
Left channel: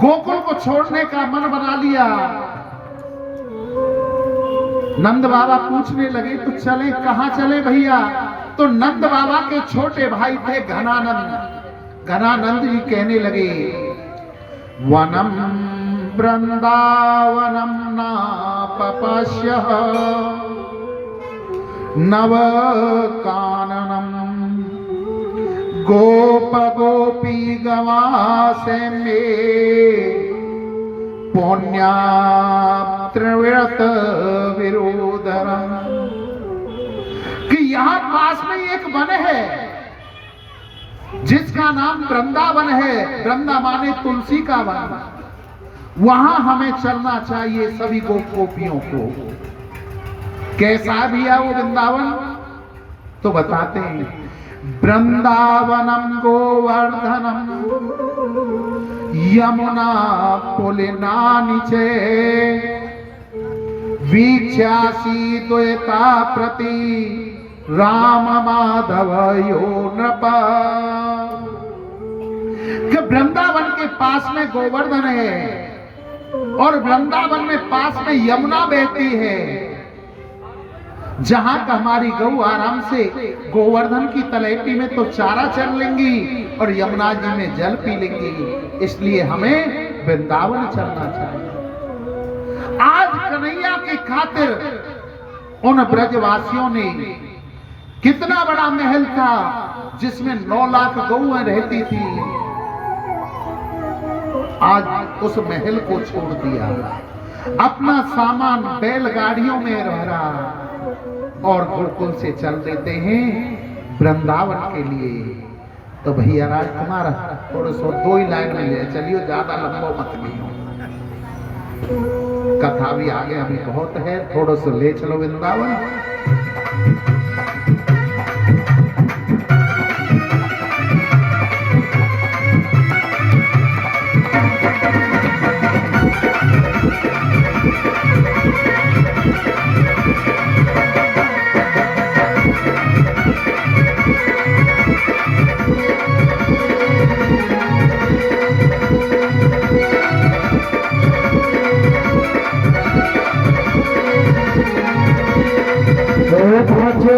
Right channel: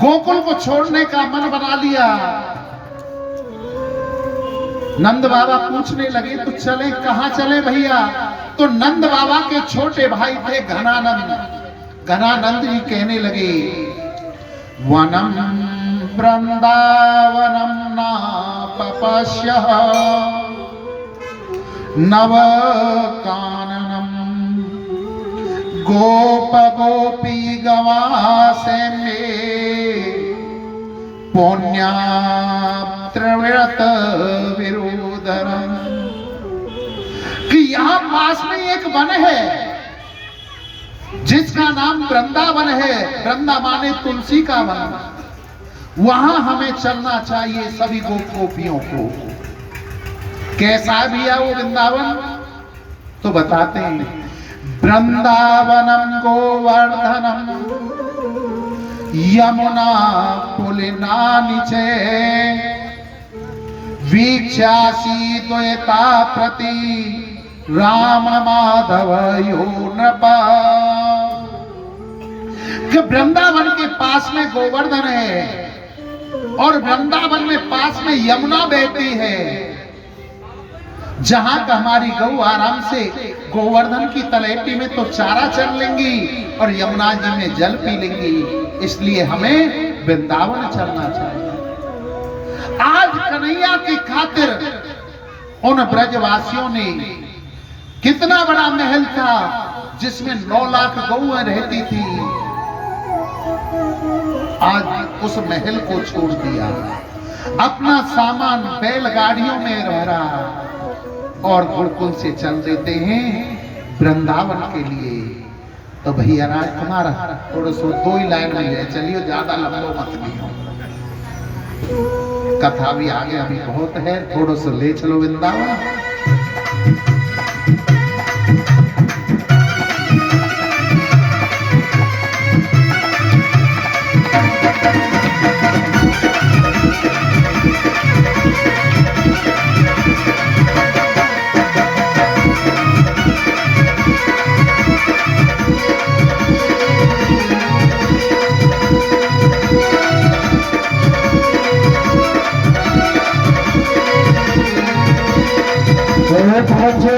गोकुल को छोड़ने का मन बना लिया। नंद बाबा पूछने लगे, तो चले कहां चले भैया? तो नंद बाबा के छोटे भाई थे घनानंद। घनानंद जी कहने लगे, वनम वृंदावनम ना पपश्य नव काननम गोप गोपी गवासे में पुण्या त्रिव्रत विरोधरम। कि यहां पास में एक वन है जिसका नाम वृंदावन है। वृंदा माने तुलसी का वन। वहां हमें चलना चाहिए सभी गोपियों को। कैसा भी है वो वृंदावन? तो बताते हैं, वृंदावनम गोवर्धनम यमुना पुलिना नीचे वीक्षासी द्वैता प्रति राम माधव यो नृपा। कि वृंदावन के पास में गोवर्धन है और वृंदावन में पास में यमुना बहती है, जहां का हमारी गऊ आराम से गोवर्धन की तलहटी में तो चारा चर लेंगी और यमुना जी में जल पी लेंगी। इसलिए हमें वृंदावन चलना चाहिए। आज कन्हैया की खातिर उन ब्रजवासियों ने, कितना बड़ा महल था जिसमें 9 लाख गऊएं रहती थी, आज उस महल को छोड़ दिया। अपना सामान बैलगाड़ियों में रह रहा और गोकुल से चल देते हैं वृंदावन के लिए। तो भैया राजकुमार थोड़ा सो 2 ही लाइन में ले चलिए, ज्यादा लंबा मत लियो। कथा भी आगे अभी बहुत है, थोड़ा सा ले चलो वृंदावन। पहुंचे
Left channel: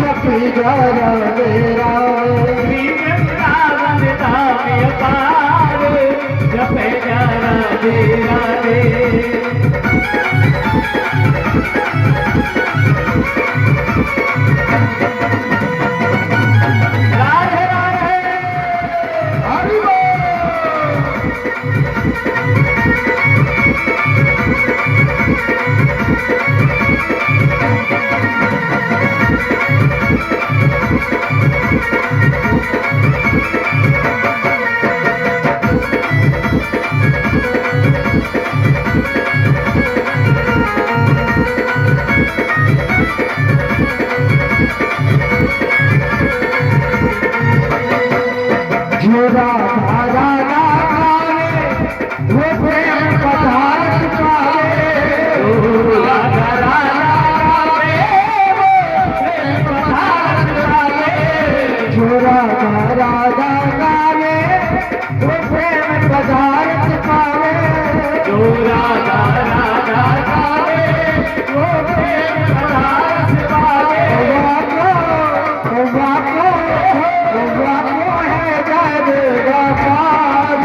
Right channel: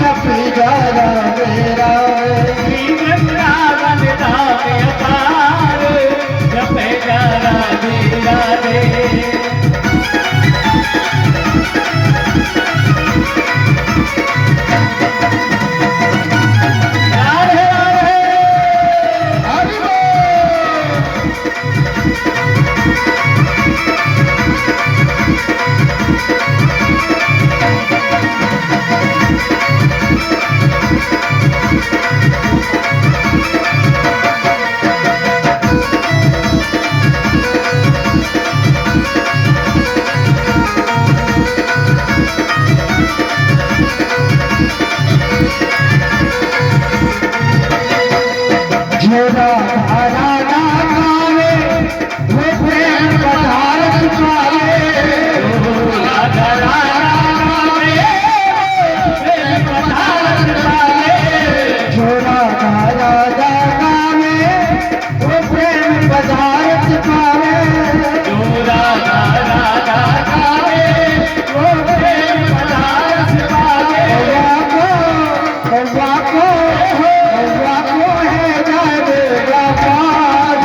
जपी जा राधे राधे श्री वृंदावन धाम अपार जपे जा राधे राधे राधे राधे हरि बोल। जो राधा राधा गावे वो प्रेम पदार्थ पावे राधा राधा गावे प्रेम पदार्थ पावे जो राधा राधा गावे वो प्रेम पदार्थ पावे जो राधा राधा गावे वो प्रेम पदार्थ पावे वाको है जाएगा पार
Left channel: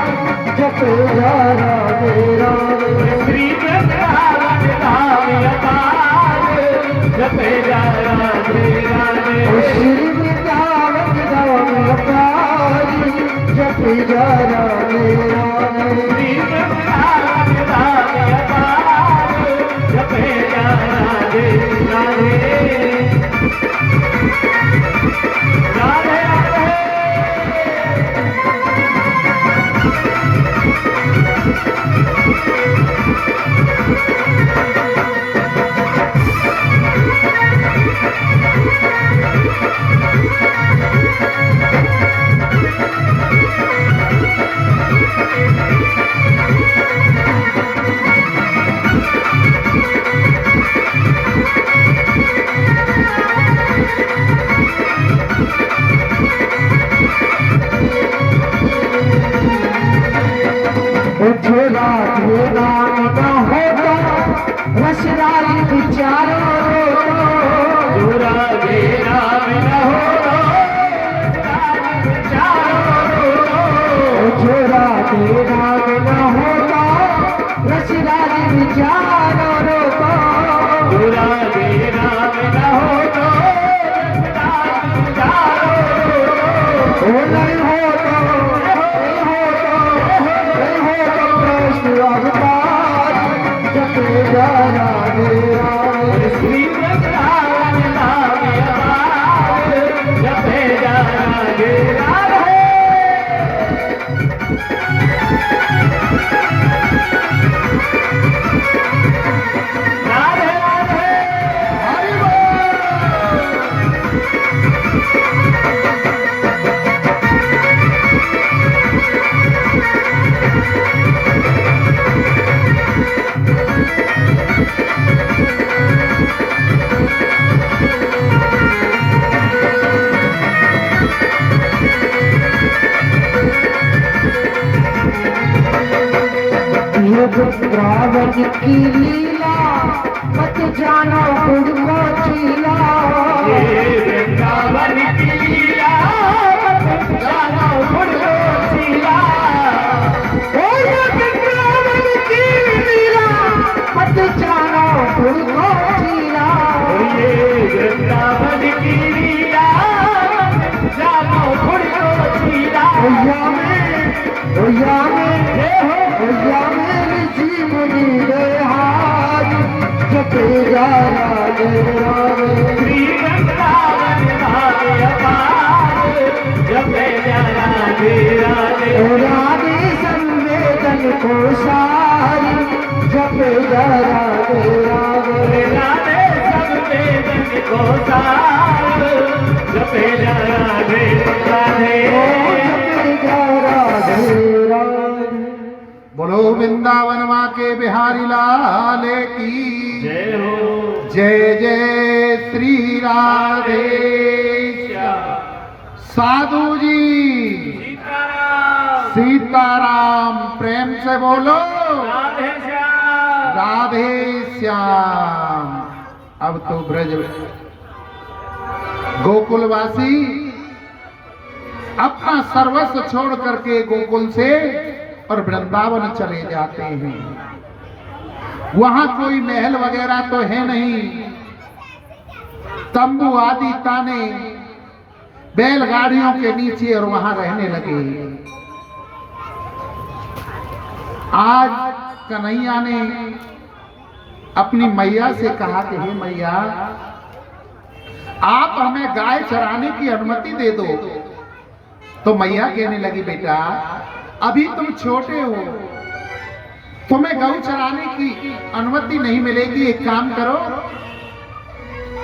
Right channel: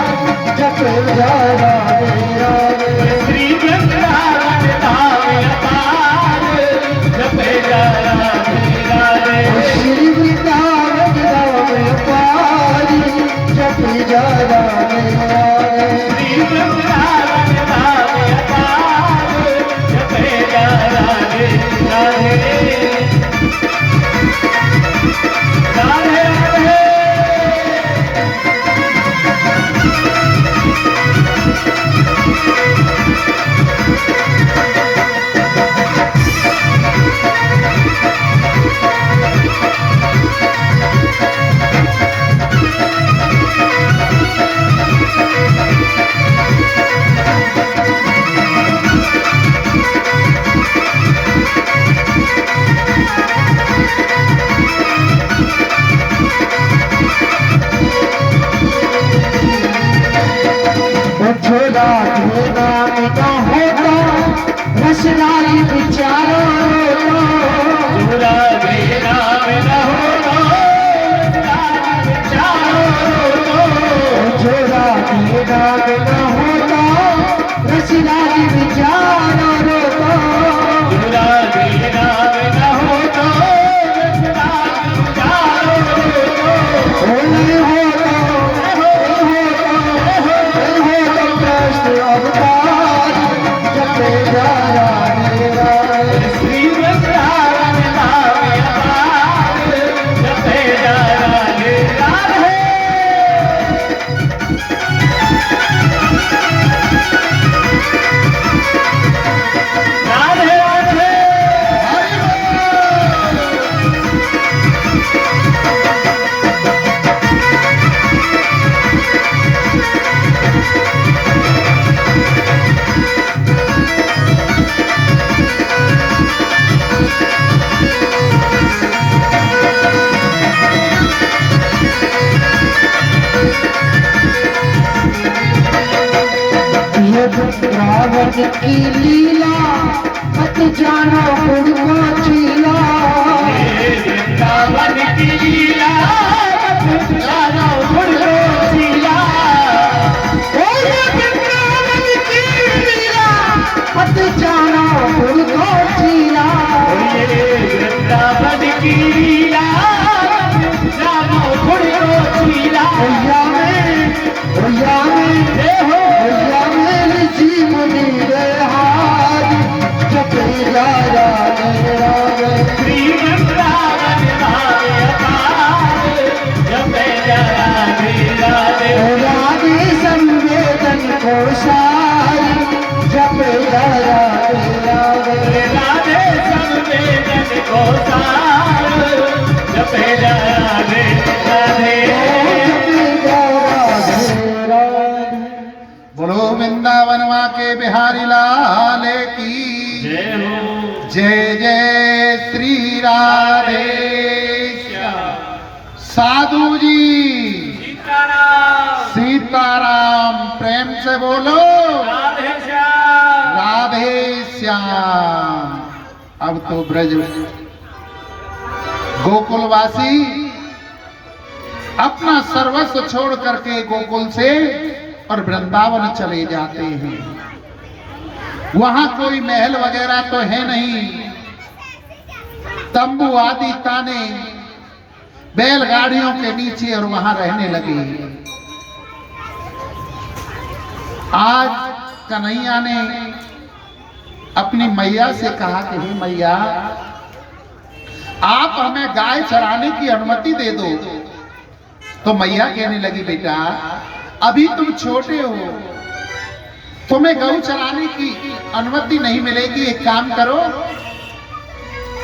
जप जा राधे राधे श्री वृंदावन धाम अपार जपे जा राधे राधे श्री वृंदावन धाम अपार जप जा राधे राधे श्री वृंदावन धाम अपार जपे जा राधे राधे राधे राधे जो राधे नाम का होता रसराई विचारो जो राधे नाम न हो जो राधे नाम न होता रसराई विचारो जो राधे नाम न हो ओ नहीं होता कृष्ण अवतार जपे जा राधे राधे श्री वृंदावन धाम अपार जपे जा राधे राधे राधे राधे हरि बोल। ये वृंदावन की लीला मत जानो गुड़ को चीला वृंदावन की लीला जानो गुड़ को चीला ओ ये वृंदावन की लीला मत जानो गुड़ को चीला ये वृंदावन की लीला जानो गुड़ को चीला ओया में ऋषि मुनि रे हाथ जपे जा राधे राधे श्री वृंदावन धाम अपार जपे जा राधे राधे राधे संवेदन को सारी जपे जा राधे राधे राधे संवेदन को सार जपे जा राधे राधे जपे जा राधे राधे बोलो वृंदावन माँ के बिहारी लाल की जय हो जय जय श्री राधे श्याम साधु जी सीताराम सीताराम प्रेम से बोलो राधे श्याम राधे श्याम। अब तो ब्रज गोकुलवासी अपना सर्वस्व छोड़ करके गोकुल से और वृंदावन चले जाते हैं। वहां कोई महल वगैरह तो है नहीं, तंबू आदि ताने बैलगाड़ियों के नीचे और वहां रहने लगे। आज कन्हैया ने अपनी मैया से कहा कि हे मैया, आप हमें गाय चराने की अनुमति दे दो। तो मैया कहने लगी, बेटा अभी तुम छोटे हो, तुम्हें गौ चराने की अनुमति नहीं मिलेगी। एक काम करो,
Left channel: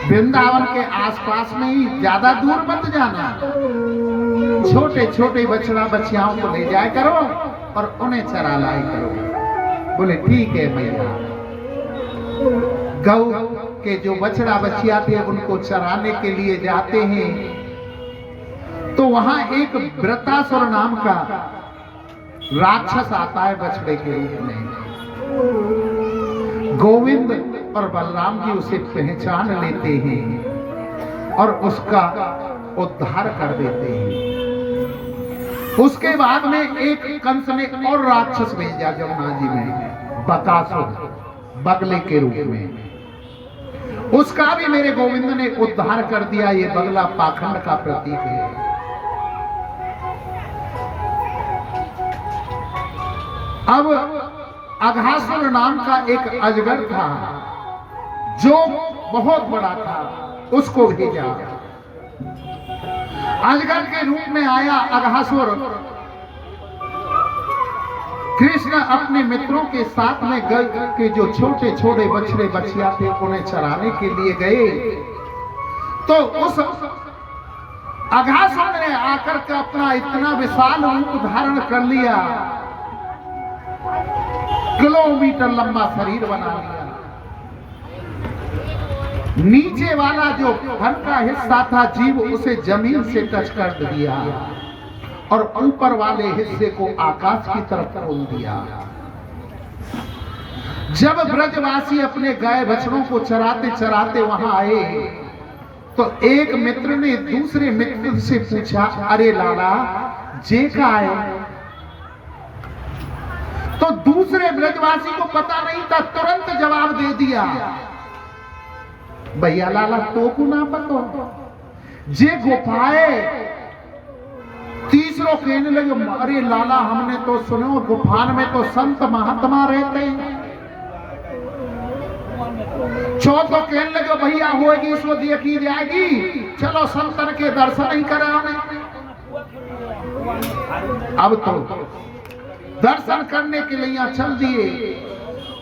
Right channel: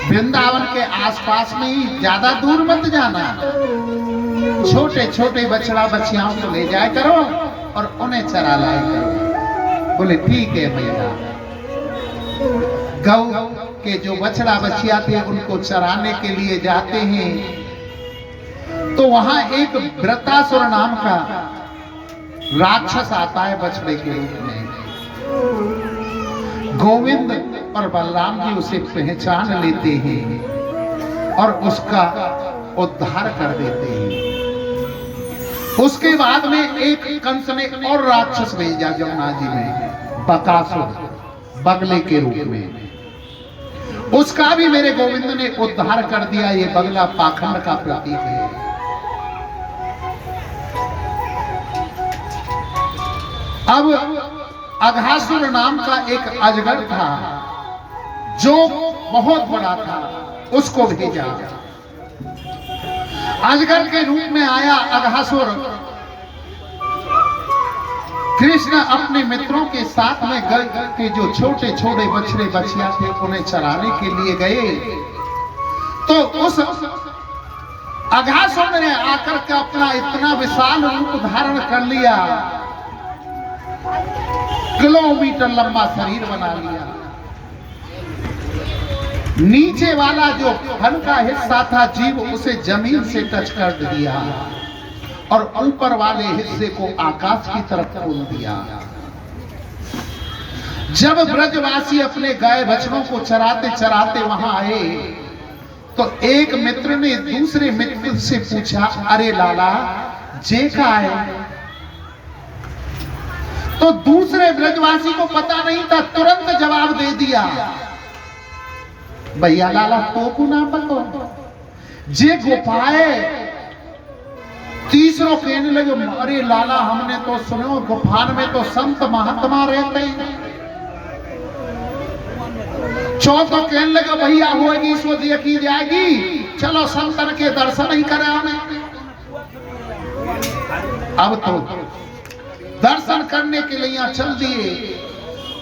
वृंदावन के आसपास में ही, ज्यादा दूर मत जाना, छोटे छोटे बछड़ा बछियाओं को ले जाया करो और उन्हें चरा लाया करो। बोले ठीक है भैया। गौ के जो बछड़ा बछिया थे उनको चराने के लिए जाते हैं, तो वहां एक वृत्रासुर नाम का राक्षस आता है बछड़े के रूप में। गोविंद और बलराम जी उसे पहचान लेते हैं और उसका उद्धार कर देते हैं। उसके बाद में एक कंस ने और राक्षस भेजा जमुना जी में, बकासुर, बगले के रूप में। उसका भी मेरे गोविंद ने उद्धार कर दिया। ये बगला पाखंड का प्रतीक है। अब अघासुर नाम का एक अजगर था जो बहुत बड़ा था, उसको भेजा। अजगर के रूप में आया अघासुर। कृष्ण अपने मित्रों के साथ में गए कि जो छोटे छोटे बछड़े बछिया थे उन्हें चराने के लिए गए, तो उस अघासुर ने आकर के अपना इतना विशाल रूप धारण कर लिया, किलोमीटर लंबा शरीर बना लिया। नीचे वाला जो फन का हिस्सा था जीव, उसे जमीन से टच कर दिया और ऊपर वाले हिस्से को आकाश की तरफ खोल दिया। जब ब्रजवासी अपने गाय बछड़ों को चराते चराते वहां आए, तो एक मित्र ने दूसरे मित्र से पूछा, अरे लाला जे का है? तो दूसरे ब्रजवासी को पता नहीं था, तुरंत जवाब दे दिया, भैया लाला तो को ना पता जे गुफाए। तीसरों कहने लगे, अरे लाला हमने तो सुनो गुफान में तो संत महात्मा रहते हैं। चौथों कहने लगे, भैया होगी सो देखी जाएगी, चलो संतन के दर्शन ही करें हमें। अब तो दर्शन करने के लिए यहाँ चल दिए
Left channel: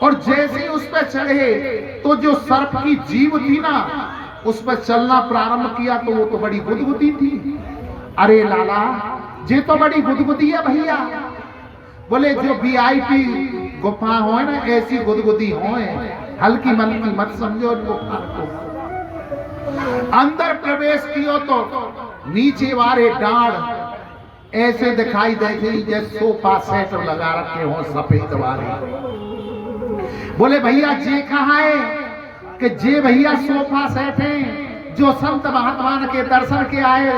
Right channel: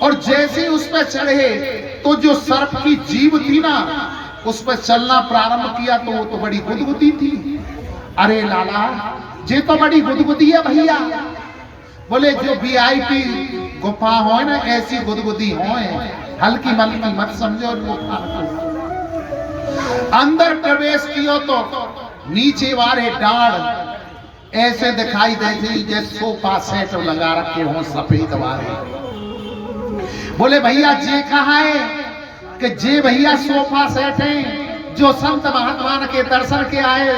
और जैसे उस पर चढ़े तो जो सर्प की जीव थी ना, उस पर चलना प्रारंभ किया तो वो तो बड़ी गुदगुदी थी। अरे लाला ये तो बड़ी गुदगुदी है भैया। बोले जो वीआईपी गुफा हो ना, ऐसी गुदगुदी हो, हल्की मल्की मत समझो गुफा को। अंदर प्रवेश किया तो नीचे वाले डाढ़ ऐसे दिखाई देते जैसे सोफा सेट लगा रखे हो सफेद वाले। बोले भैया जे कहा है कि जे भैया सोफा सेट है जो संत महात्मा के दर्शन के आए,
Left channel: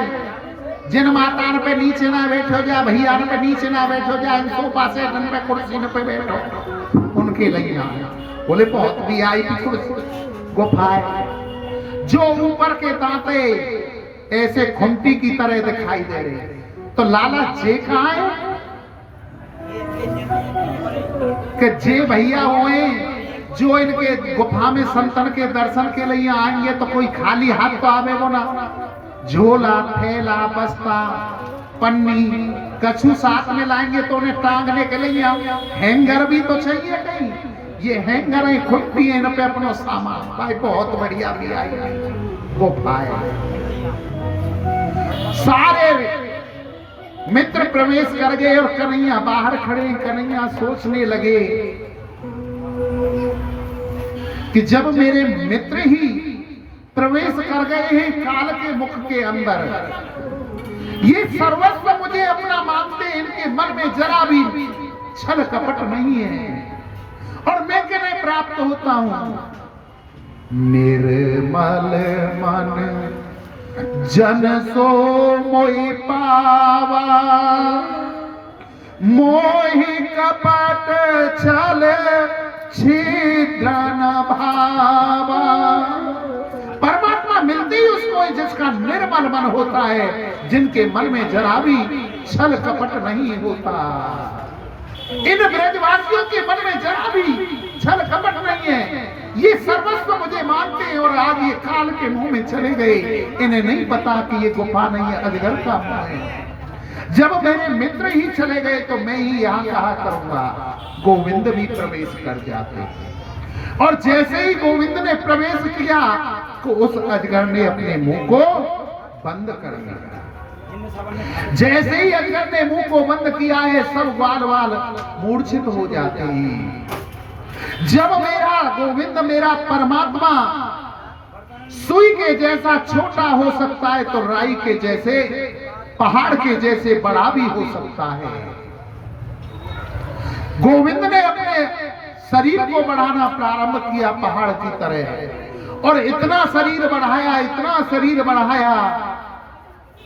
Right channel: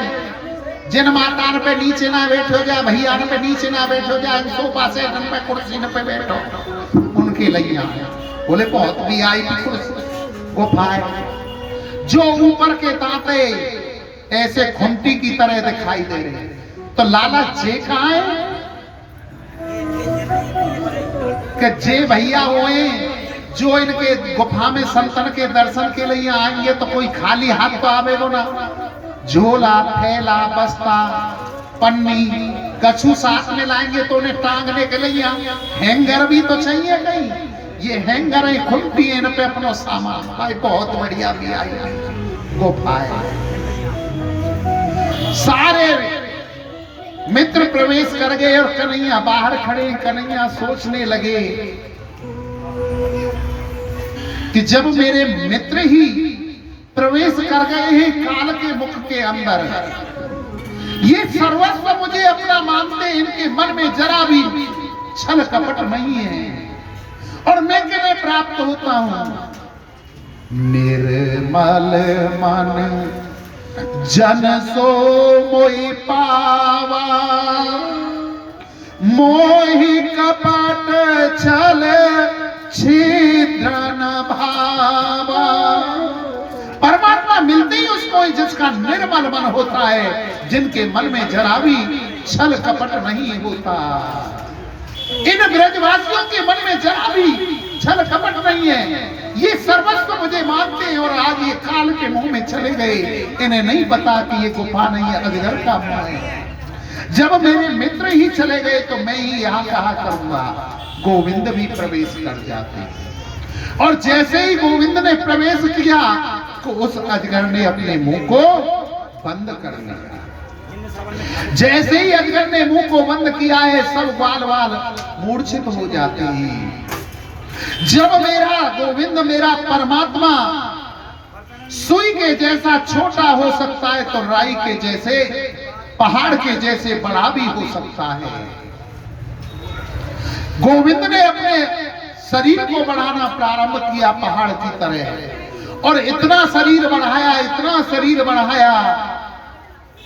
जिन माता पे नीचे ना बैठो जाए, भैया पे नीचे ना बैठो जाए, सोफा सेट पे कुर्सी पे बैठो, उनके लिए आए। बोले बहुत वीआईपी कुर्सी गुफा है, जो ऊपर के तांते ऐसे खुंटी की तरह दिखाई दे रहे। तो लाला जे कहा है कि जे भैया होए जो इनके गुफा में संतन के दर्शन के लिए आएंगे तो कोई खाली हाथ तो आवेगो ना। झोला, थैला, बस्ता, पन्नी, कछु साथ में लाएंगे तो उन्हें टांगने के लिए हैंगर भी तो चाहिए कहीं। ये हैंगर है, खुट्टी है, इन पे अपना सामान भाई बहुत बढ़िया भी आई गुफा है। सारे मित्र प्रवेश कर गए और कन्हैया बाहर खड़े। कन्हैया सोचने लगे कि जब मेरे मित्र ही प्रवेश कर गए हैं काल के मुख के अंदर, ये सर्वस्व मुझे अपना मानते, इनके मन में जरा भी छल कपट नहीं है और मैं किन्हें प्राप्त होता हूं। निर्मल मन जन सो मोहि पावा, मोहि कपट छल छिद्र न भावा। परमात्मा मिलते ही उसको जिसका निर्मल मन होता है, जिनके मन में जरा भी छल कपट नहीं होता। इन ब्रजवासियों के मन में जरा भी छल कपट नहीं है। ये सर्वस्व मुझे मानते हैं और आज ये काल के मुंह में चले गए। इन्हें नहीं पता कि ये गुफा नहीं है, अजगर का मुंह है। जब मेरे मित्र ही चले गए तो मैं ही यहाँ कहा करूंगा। गोविंद भी प्रवेश कर जाते, और जैसे ही गोविंद ने प्रवेश किया तो उस अजगर ने अपने मुंह को बंद कर लिया। जैसे ही अजगर ने मुंह को बंद किया है, सब बाल बाल मूर्छित हो जाते हैं। जब मेरा गोविंद, मेरा परमात्मा सुई के जैसा छोटा हो सकता है, तो राई के जैसे, पहाड़ के जैसे बड़ा भी हो सकता है। गोविंद ने अपने शरीर को बढ़ाना प्रारंभ किया पहाड़ की तरह, और इतना शरीर बढ़ाया, इतना शरीर बढ़ाया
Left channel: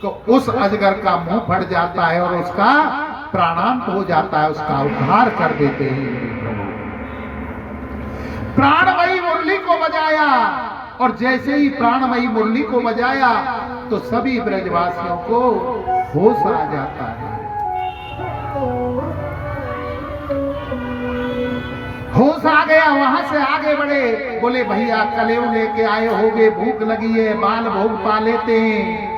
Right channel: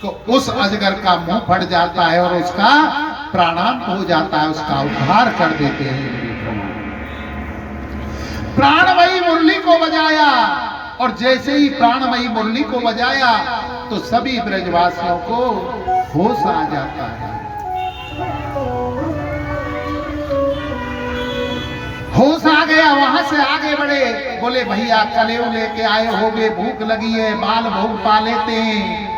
तो उस अजगर का मुंह फट जाता है और उसका प्राणांत हो जाता है, उसका उद्धार कर देते हैं। प्राणमयी मुरली को बजाया, और जैसे ही प्राणमयी मुरली को बजाया तो सभी ब्रजवासियों को होश आ जाता है। होश आ गया, वहां से आगे बढ़े, बोले भैया कलेव लेके आए होगे, भूख लगी है, बाल भोग पा लेते हैं।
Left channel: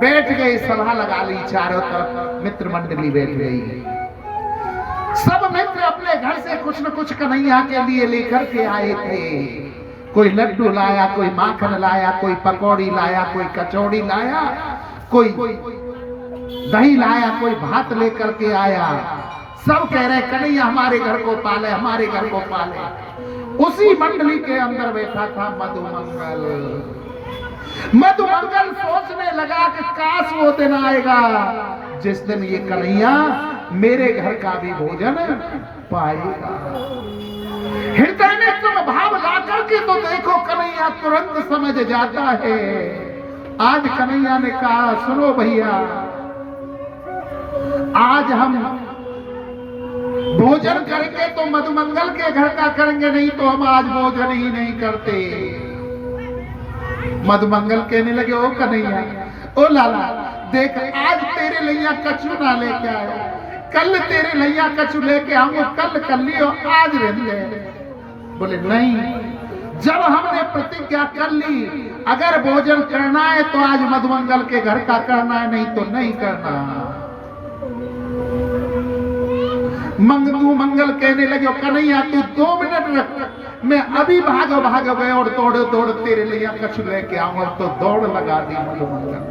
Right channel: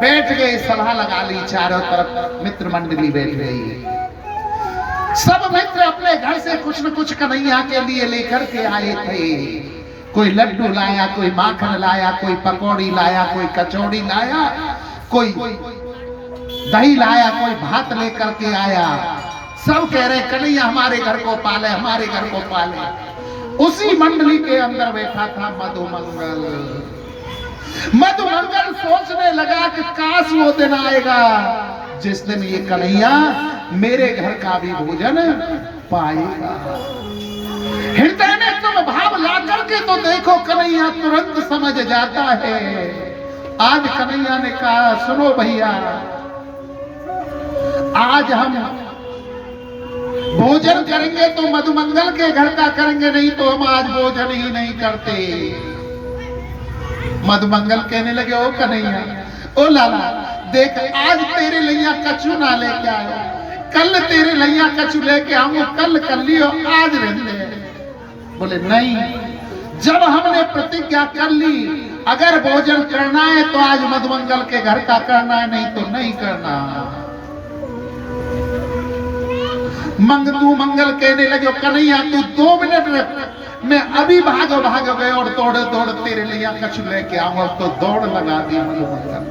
बैठ गए, सभा लगा ली, चारों तरफ मित्र मंडली बैठ गई। सब मित्र अपने घर से कुछ न कुछ कन्हैया के लिए लेकर के आए थे। कोई लड्डू लाया, कोई माखन लाया, कोई पकौड़ी लाया, कोई कचौड़ी लाया, कोई दही लाया, कोई भात लेकर के आया। सब कह रहे कन्हैया हमारे घर को पाले, हमारे घर को पाले। उसी मंडली के अंदर बैठा था मधुमंगल। मधुमंगल सोचने लगा कि काश वो दिन आएगा जिस दिन ये कन्हैया मेरे घर का भी भोजन पाएगा। हृदय में तुम भाव ला करके तो देखो, कन्हैया तुरंत समझ जाता है। आज कन्हैया ने कहा सुनो भैया, आज हम भोजन करेंगे तो मधुमंगल के घर का करेंगे, नहीं तो हम आज भोजन ही नहीं करते। मधुमंगल कहने लगे ओ कन्हैया, ओ लाला देख, आज तेरे लैया कछु ना लेके आयो, कल तेरे लैया कछु लेके आऊंगा, कल कर लियो, आज रहने। बोले नहीं, जब हमने प्रतिज्ञा कर ली अगर भोजन करना है तो आज मधुमंगल के घर का करना है, नहीं तो नहीं करना। मंगल कहने लगे कन्हैया तू 2 मिनट रख, मैं अभी भाग गए और दौड़ तेरे लिए कछु लेके आऊंगा। तो दौड़ लगा दी मधुमंगल,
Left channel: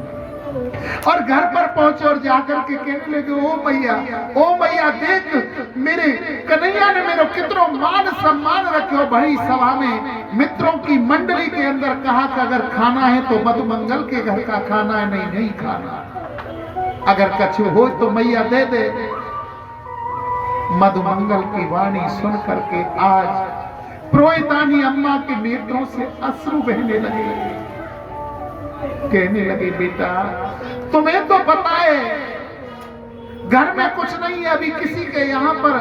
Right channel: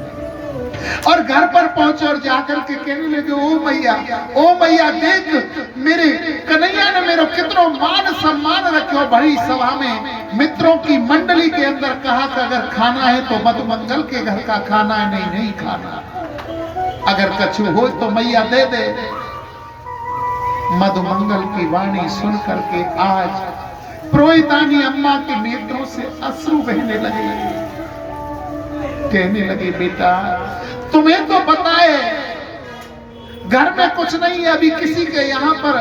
और घर पर पहुंचे और जाकर के कहने लगे ओ मैया देख, मेरे कन्हैया ने मेरे कितना मान सम्मान रखे। बड़ी सभा में मित्रों की मंडली के अंदर कहा कि अगर खाना है तो मधुमंगल के घर का खाना है, नहीं खाना। अगर कछु हो तो मैया दे दे। मधुमंगल की वाणी सुन करके आज प्रोहितानी अम्मा के नेत्रों से अश्रु बहने लगे। कहने लगे बेटा तुम्हें तो पता है घर में कुछ नहीं है, अभी किसी के यहाँ पर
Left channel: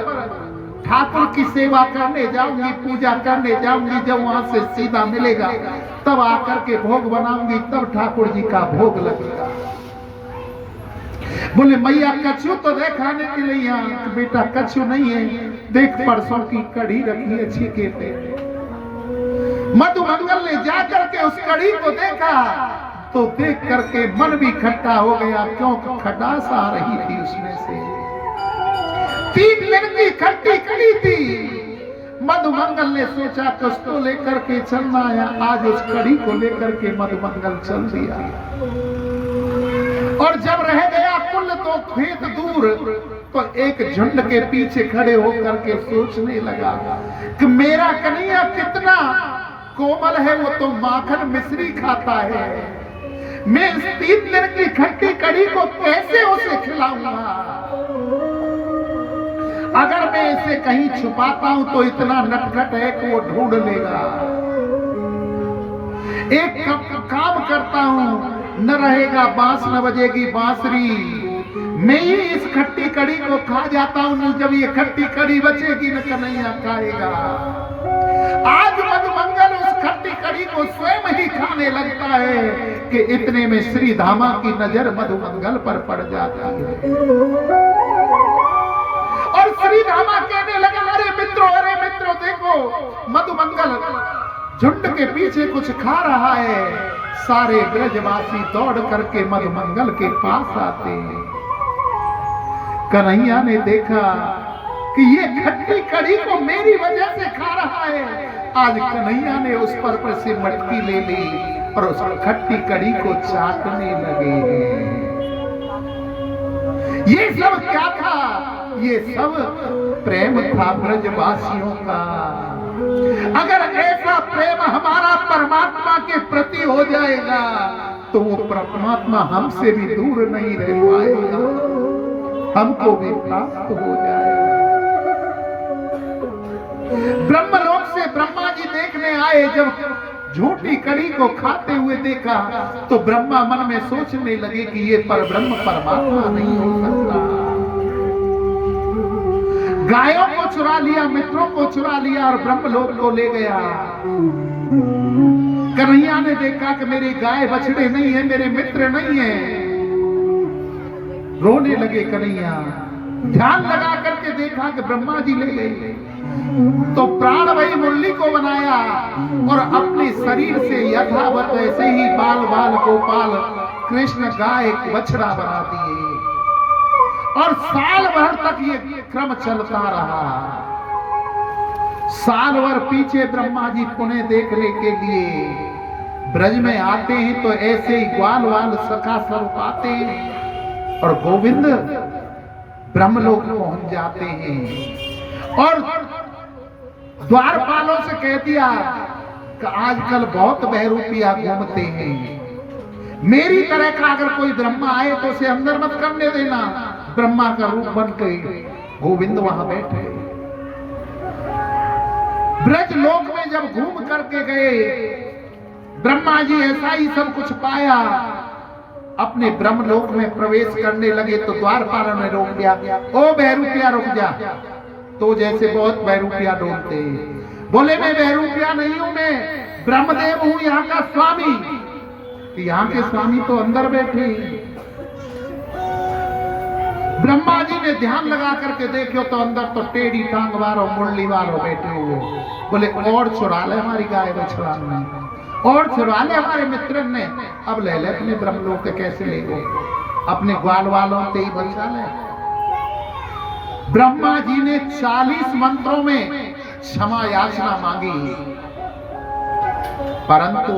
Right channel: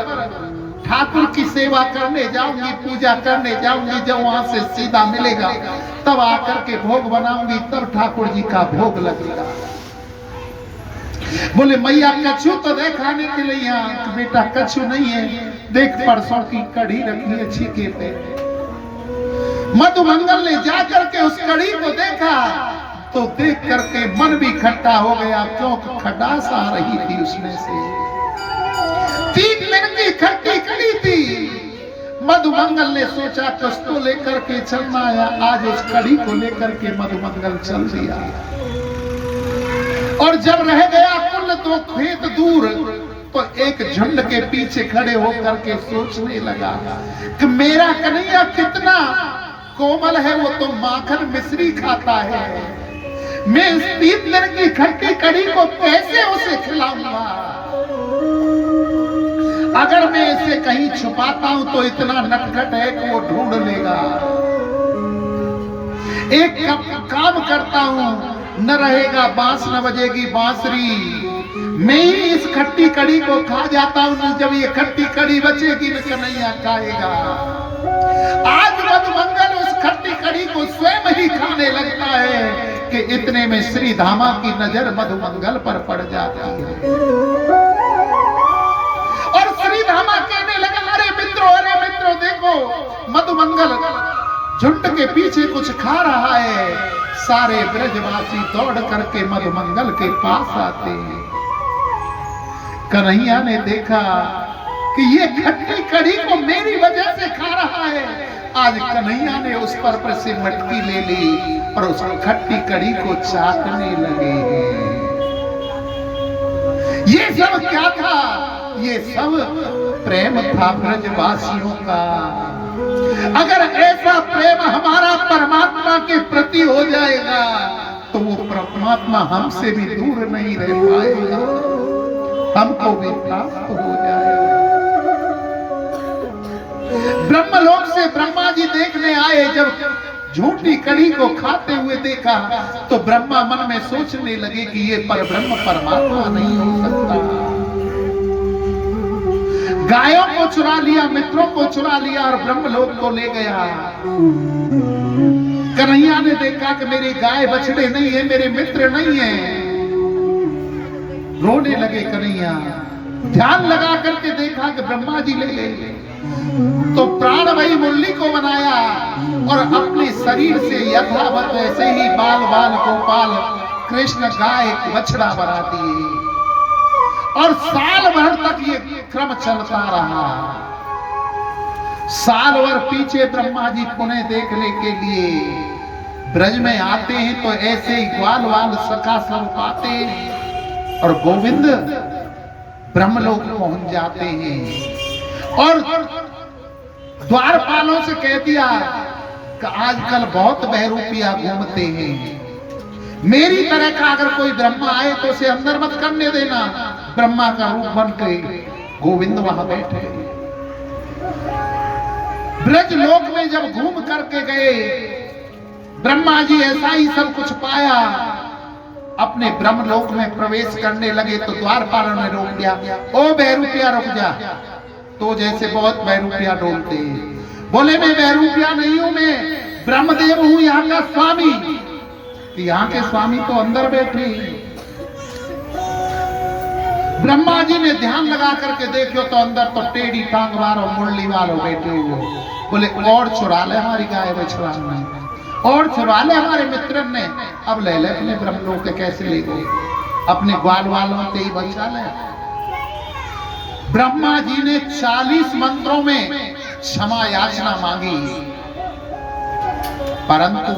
ठाकुर की सेवा करने जाऊंगी, पूजा करने जाऊंगी, जब वहां से सीधा मिलेगा तब आकर के भोग बनाऊंगी, तब ठाकुर जी का भोग लगेगा। बोले मैया कछु तो दे खाने के लिए यहाँ। बेटा कछु नहीं है, देख परसों की कढ़ी रखी है छीके पे। मधुमंगल ने जाकर के उस कढ़ी को देखा तो देख करके मन भी खट्टा हो गया, क्योंकि खटास आ रही थी उसमें से। 3 दिन की खट्टी कढ़ी थी। मधुमंगल ने सोचा कुछ तो लेकर के चलना है, आज उस कढ़ी को लेकर के मधुमंगल चल दिया। और जब रह गया कुल 2 खेत दूर, तो एक झुंड के पीछे खड़े होकर के सोचने लगा कि मेरा कन्हैया कितना कोमल है, वो तो माखन मिश्री खाता है, मैं इस 3 दिन की खट्टी कढ़ी को कैसे उसे खिलाऊंगा। अगर मैं इसे कहीं छुपाता हूं तो इतना नटखट है कि वो ढूंढ लेगा। एक काम करता हूं, न रहेगा बांस न बजेगी बांसुरी, मैं ही इस खट्टी कड़ी को खा जाता हूं, जब ये खट्टी कड़ी बचेगी न कन्हैया खाएगा। आज मधुमंगल उस खट्टी कड़ी को स्वयं ही खाने लगता है कि इतने में श्री धामा की नजर मधुमंगल पर पड़ जाती है और श्री धामा कहने लगा, अरे मित्रों देखो, मधुमंगल झुंड के पीछे कुछ खा रहा है। सारे ब्रजवासी दौड़ करके मधुमंगल के पास आते हैं। कन्हैया ने देखा कि ये खट्टी कड़ी को मेरी वजह से खा रहा है। आज कन्हैया ने उस पर से मटकी ले ली और उस खट्टी कड़ी को चाटने लगे। ये सब क्या था? ये सब प्रेम था ब्रजवासियों का। अगर ऐसा प्रेम हमारा परमात्मा के प्रति हो जाएगा तो वो परमात्मा हमसे भी दूर नहीं रह पाएगा, हमको भी प्राप्त हो जाएगा। ब्रह्मलोक से ब्रह्मा जी देखने आए, जब झूठी कड़ी को खाते हुए देखा तो ब्रह्मा मन में सोचने लगे कि ये परब्रह्म परमात्मा नहीं हो सकता। गायों को चुरा लिया, मित्रों को चुरा लिया और ब्रह्मलोक को ले गया। कन्हैया ने देखा कि मेरे गाय बछड़े नहीं है, मेरे मित्र नहीं है। रोने लगे कन्हैया। ध्यान लगा करके देखा कि ब्रह्मा जी ले गए तो प्राण वही मुरली को बनाया और अपने शरीर से यथावत वैसे ही बाल बाल गोपाल कृष्ण गाय बछड़ा बना दिए और साल भर तक ये क्रम चलता रहा। साल भर पीछे ब्रह्मा जी पुनः देखने के लिए ब्रज में आते हैं तो ऐसे ही ग्वाल वाल सखा सब पाते हैं और गोविंद ब्रह्मलोक पहुंच जाते हैं और द्वारपालों से कह दिया कि आजकल बहुत बहरूपिया घूमते हैं, मेरी तरह का अगर कोई ब्रह्मा आए तो उसे अंदर मत करने देना। ब्रह्मा का रूप बन के गोविंद वहां बैठे। ब्रज लोक में जब घूम करके गए ब्रह्मा जी ऐसा ही सब कुछ पाया, अपने ब्रह्मलोक में प्रवेश करने लगे तो द्वारपालों ने रोक दिया। ओ बहरूपिया रुक जा, तो जैसे बहुत बहरूपिया डोलते। बोले मैं बहरूपिया नहीं हूं, मैं ब्रह्मदेव हूं, यहाँ का स्वामी। कि यहाँ के स्वामी तो अंदर बैठे। ब्रह्मा जी ने ध्यान लगा करके देखो तो अंदर तो टेढ़ी टांग वालों मुरली वालों बैठे हुए। बोले और चुरा ले हमारी गाय बछड़ा ने, और चुरा ले हमारे मित्र ने। अब ले ले अपने ब्रह्मलोक के कैसे ले गए, अपने ग्वाल वालों के ही बचा ले। ब्रह्मा जी ने 40 मंत्रों में क्षमा याचना मांगी, परंतु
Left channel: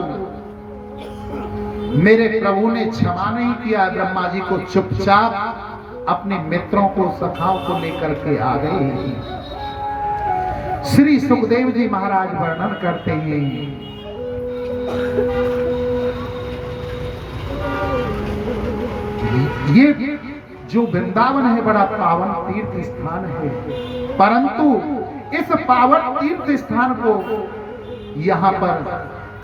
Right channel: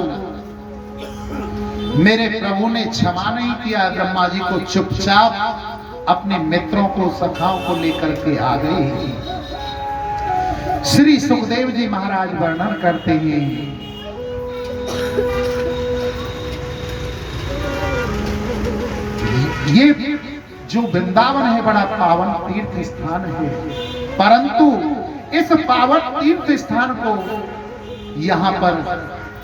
मेरे प्रभु ने क्षमा नहीं किया। ब्रह्मा जी को चुपचाप अपने मित्रों को सखाओं को लेकर के आ गए। श्री सुखदेव जी महाराज वर्णन करते हैं, ये जो वृंदावन है बड़ा पावन तीर्थ स्थान है, परंतु इस पावन तीर्थ स्थान को यहाँ पर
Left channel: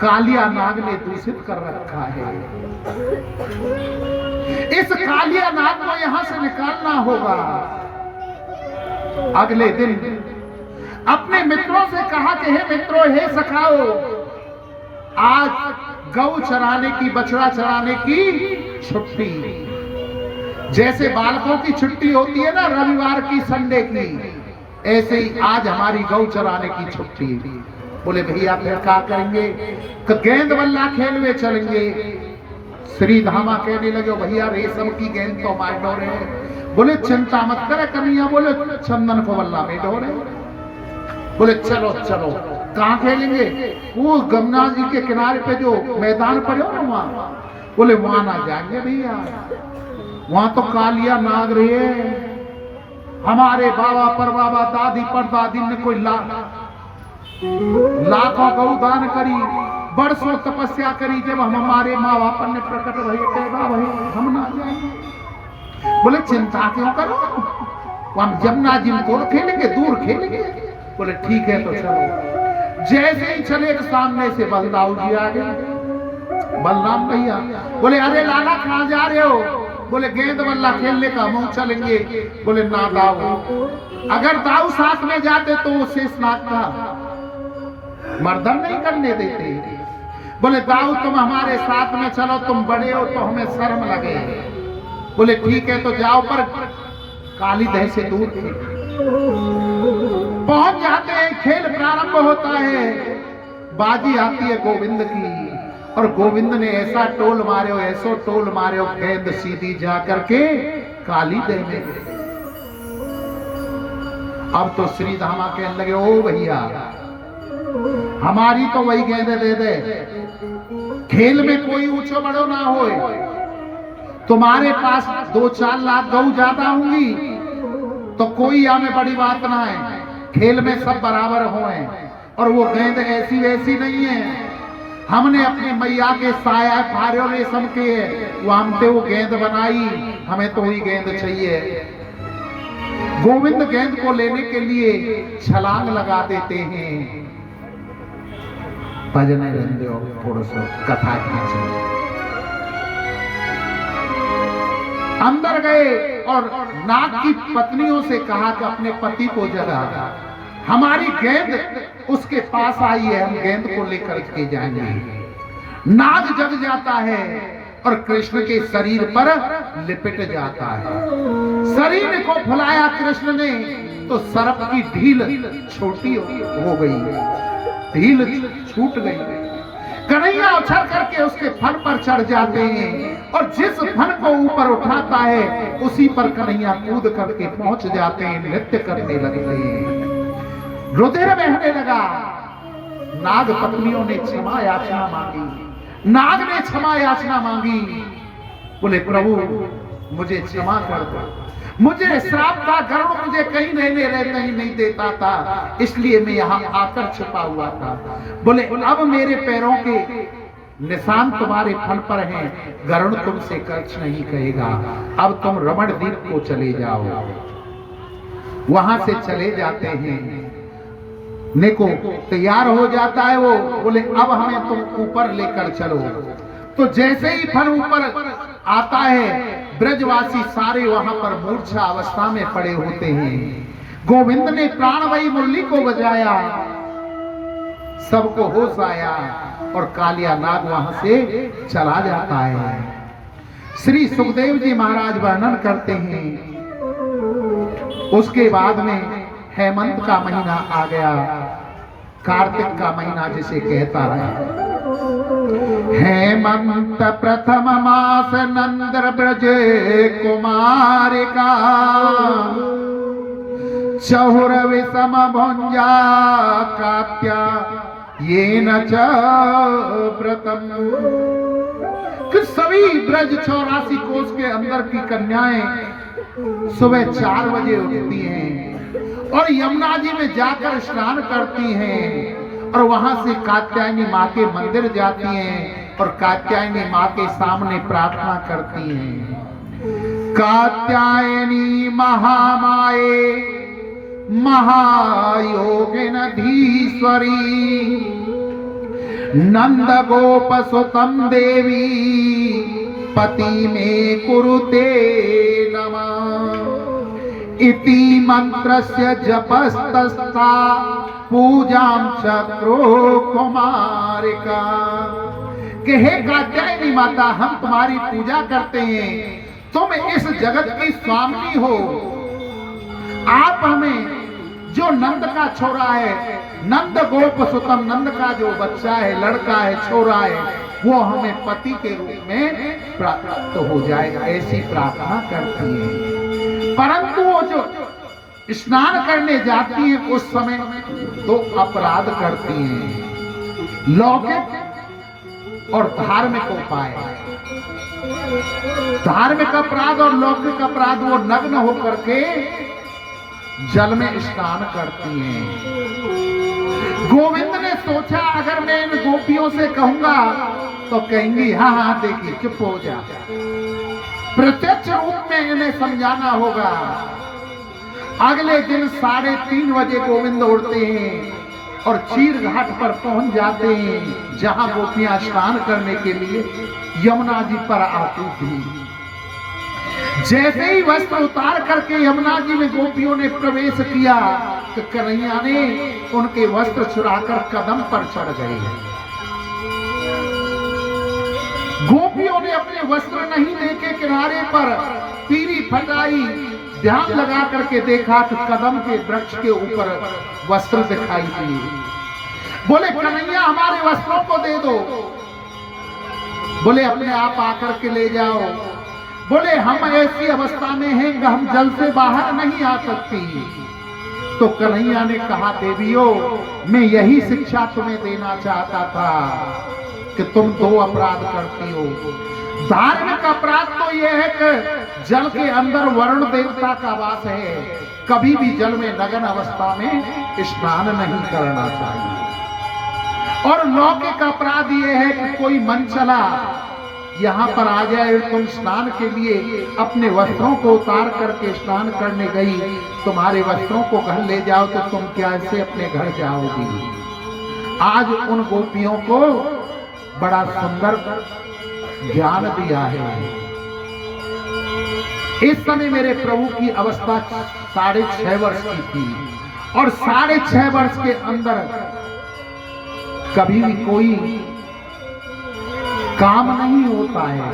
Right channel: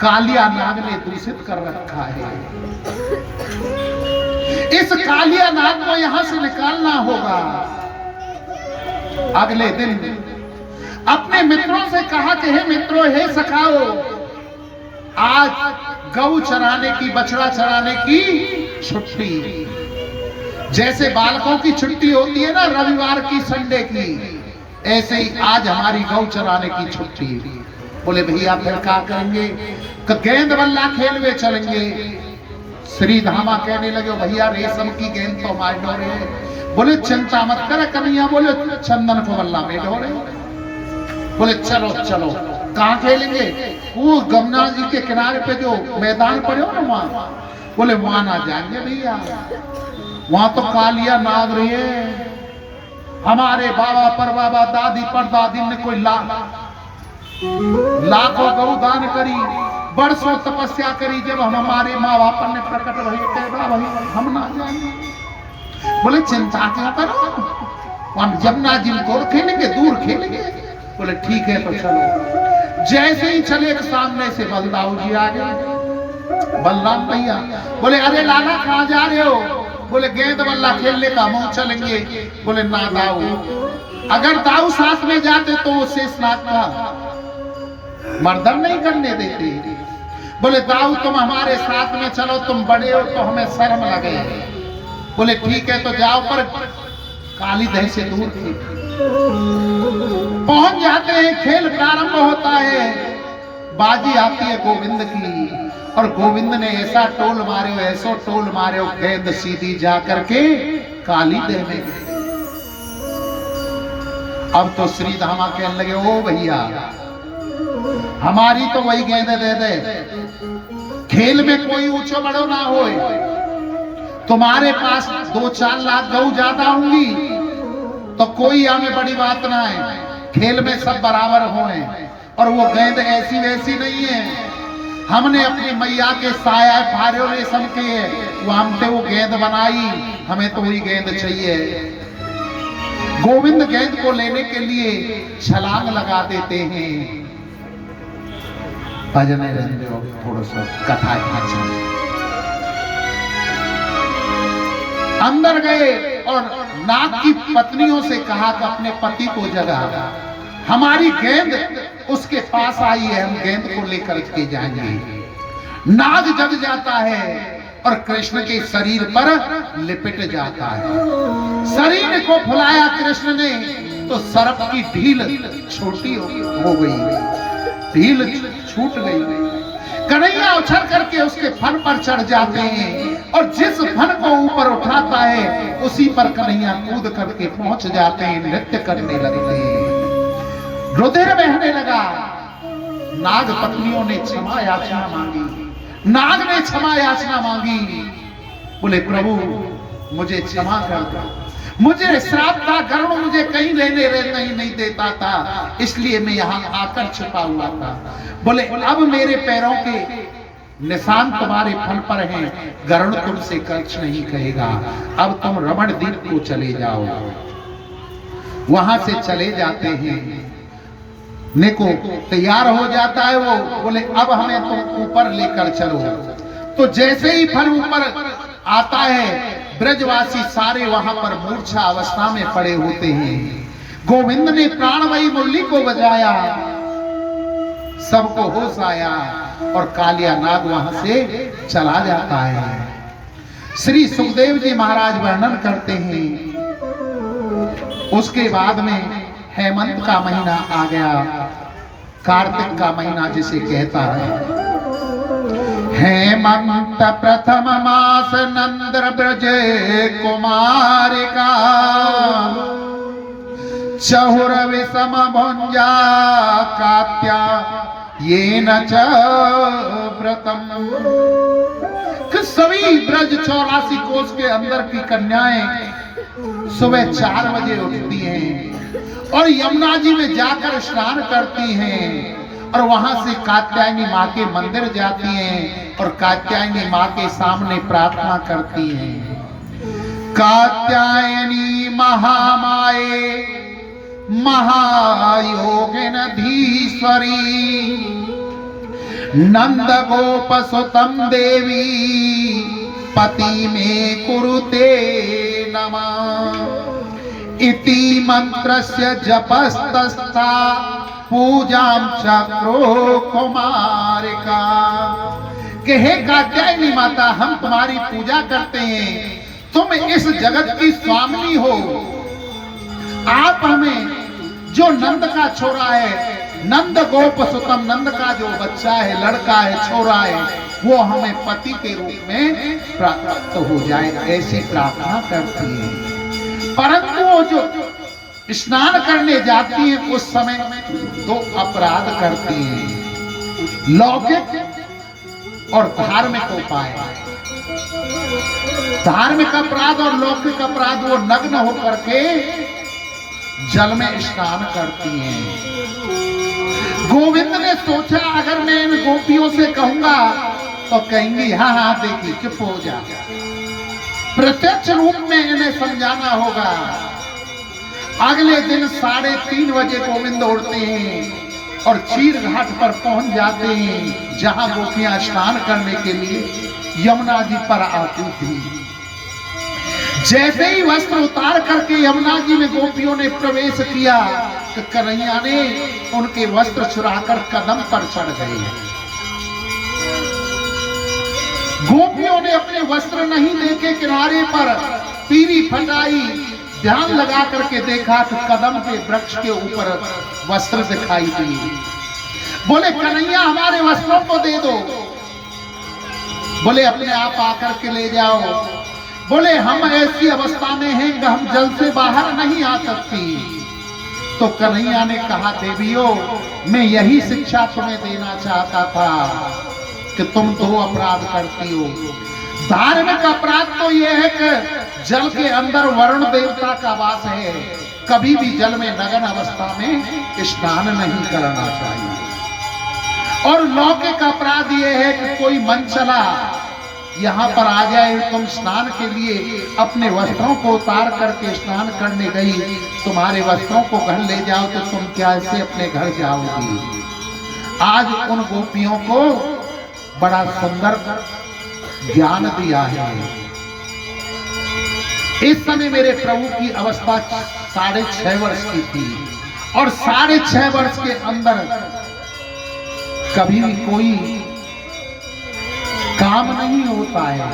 कालिया नाग ने दूषित कर रखा है। इस कालिया नाग को यहां से निकालना होगा। अगले दिन अपने मित्रों से कहा कि हे मित्रों, हे सखाओ, आज गौ चराने की, बछड़ा चराने की छुट्टी। जैसे बालकों की छुट्टी होती है ना रविवार की, संडे की, ऐसे ही आज हमारी गौ चराने की छुट्टी। बोले भैया फिर क्या करेंगे? तो गेंद बल्ला खेल में चलेंगे। श्री धामा कहने लगे भैया रेशम की गेंद तो हमारे डोरे है। बोले चिंता मत कर कन्हैया, बोले चंदन को बल्ला में डोरे। बोले चलो चलो, कहाँ खेलेंगे? वो गंगा जी के किनारे पे जो मैदान पड़े हो ना वहां। बोले वहां ना जाएंगे भैया, वहां तो कालिया नाग रही है। हमारे बाबा परबाबा दादी परदादी ने कोई लाखों गौ दान करी, बरसों तपस्या करी, जब हम हमारे माँ बाप ने प्रकट भई हम ना जाएंगे। बोले चिंता क्यों करो, हम जमुना जी को खेलेंगे, दूर खेलेंगे। बोले ठीक है तो चलो। जैसे ही चले सामने से बलदाऊ जी आ गए। बलराम भैया बोले अरे लाला कहाँ जा रहे हो? बोले गेंद बल्ला खेलने का, हम चलेंगे। बोले ना दाऊ, अगर दाऊ साथ में जाते तो वो शेषनाग का मर्दन नहीं करने देते। बोले दाऊ तुम हमारे साथ में चलो, तुम बड़े हो तो हमें शर्म लगे। बोले ठीक है तो जाओ, पर काली दह से दूर थे। पहुंच जाते हैं, खेल प्रारंभ होता है, बाजी आती है गोविंद की, और गोविंद ने ऐसा टोल मारे हो, ऐसो टोल मारे हो, गेंद सीधी जा करके काली दह में गई। अब तो श्री धामा कहने लगे ओ भैया हमारी तो वही गेंद दे दे, खेल में कोई ऊंचो बड़ो ना हो, तुम्हारे पास 2-4 लाख गऊ ज्यादा होंगी तो कोई हमें बड़ी बात ना है, खेल में सब बराबर होए। और वो गेंद ऐसी वैसी नहीं है, हमने अपनी मैया के साया फारे रेशम के वो हमसे वो गेंद बनाई, हमें तो वही गेंद चाहिए। गोविंद गेंद को लेने के लिए छलांग लगा देते हैं। भजन रंजो थोड़ा सा कथा अंदर गए और नाग की पत्नियों से कहा कि अपने पति को जगा, हमारी गेंद उसके पास आई है, हम गेंद को लेकर के जाएंगे। नाग जग जाता है और कृष्ण के शरीर पर लिपट जाता है। शरीर को फुलाया कृष्ण ने तो सर्प की ढील छोटी हो गई, ढील छूट गई। कन्हैया उछल करके उसके फन पर चढ़ जाते हैं और जिस फन को ऊपर उठाता है उसी पर कन्हैया कूद करके पहुंच जाते हैं, नृत्य करने लगते हैं। रुधिर बहने लगा। नाग पत्नियों ने क्षमा याचना मांगी, नाग ने क्षमा याचना मांगी। बोले प्रभु मुझे क्षमा कर दो, मुझे श्राप था, गरुड़ मुझे कहीं नहीं देता था, इसलिए मैं यहाँ आकर छुपा हुआ था। बोले अब मेरे पैरों के निशान तुम्हारे फल पर हैं, गरुड़ तुमसे कुछ नहीं कहेगा, अब तुम रमण द्वीप को चले जाओ। वहां से चले जाते हैं, निको तैयार हो जाता है वो। बोले अब हमें तुम ऊपर लेकर चलो। तो जैसे ही फल ऊपर आता है ब्रजवासी सारे वहां पर मूर्छा अवस्था में पड़े होते हैं। गोविंद ने प्राणवायु मुरली को बजाया, सबको होश आया और कालिया नाग वहां से चला जाता है। श्री सुखदेव जी महाराज वर्णन करते हैं, उसके बाद में हेमंत का महीना आ गया, कार्तिक का महीना जिसे कहता है। हेमंत प्रथम मास नंद्र ब्रज कुमारिका, चहुर विषम भुंजा कात्या ये न च व्रतम। सभी ब्रज 84 कोस के अंदर की कन्याएं सुबह 4 बजे उठती हैं और यमुना जी में जाकर स्नान करती हैं और वहां से कात्यायनी माँ के मंदिर जाती हैं और कात्यायनी माँ के सामने प्रार्थना करती हैं। कात्यायनी महामाये महायोगिन धीश्वरी, नंद गोप सुतम देवी पति में कुरुते नमः। इति मंत्रस्य जपस्तस्था पूजाम चक्रो कुमारिका। कि हे कात्यायनी माता, हम तुम्हारी पूजा करते हैं, तुम इस जगत की स्वामिनी हो, आप हमें जो नंद का छोरा है, नंद गोप सुतम, नंद का जो बच्चा है, लड़का है, छोरा है, वो हमें पति के रूप में प्राप्त हो जाएगा, ऐसी प्रार्थना करती है। परंतु वो जो स्नान करने जाती है उस समय 2 अपराध करती है, लौकिक और धार्मिक उपाय। धार्मिक अपराध और लौकिक अपराध, वो नग्न होकर के जल में स्नान करती हैं। गोविंद ने सोचा अगर मैं इन गोपियों से कहूंगा तो कहेंगी हाँ हाँ देखी चुप हो जा, प्रत्यक्ष रूप में इन्हें समझाना होगा। अगले दिन 3:30 बजे गोविंद उठते हैं, और चीर घाट पर पहुंच जाते हैं जहां गोपियां स्नान करने के लिए यमुना जी पर आती थी। जैसे ही वस्त्र उतार करके यमुना जी में गोपियों ने प्रवेश किया तो कन्हैया ने उनके वस्त्र चुराकर कदम पर चढ़ गए। गोपियों ने अपने वस्त्र नहीं देखे, किनारे पर पीरी फटाई, ध्यान लगा करके देखा तो कदम के वृक्ष के ऊपर वस्त्र दिखाई दिए। बोले कन्हैया हमारे वस्त्रों को दे दो। बोले अपने आप आकर के ले जाओ। बोले हम ऐसी अवस्था में हैं कि हम जल से बाहर नहीं आ सकती। तो कन्हैया ने कहा देवियों, मैं यही शिक्षा तुम्हें देना चाहता था कि तुम दो अपराध करती हो। धार्मिक अपराध तो यह है कि जल के अंदर वरुण देवता का वास है, कभी भी जल में नग्न अवस्था में स्नान नहीं करना चाहिए। और लौकिक अपराध यह है कि कोई मन चला यहाँ पर आ जाए, तुम स्नान के लिए अपने वस्त्रों को उतार करके स्नान करने गई, तुम्हारे वस्त्रों को घर ले जाओ तो तुम कैसे अपने घर जाओगी। आज उन गोपियों को बड़ा सुंदर ज्ञान दिया है। इस समय मेरे प्रभु की अवस्था 6.5 वर्ष की थी और 6.5 वर्ष के अंदर कभी भी कोई काम नहीं होता है।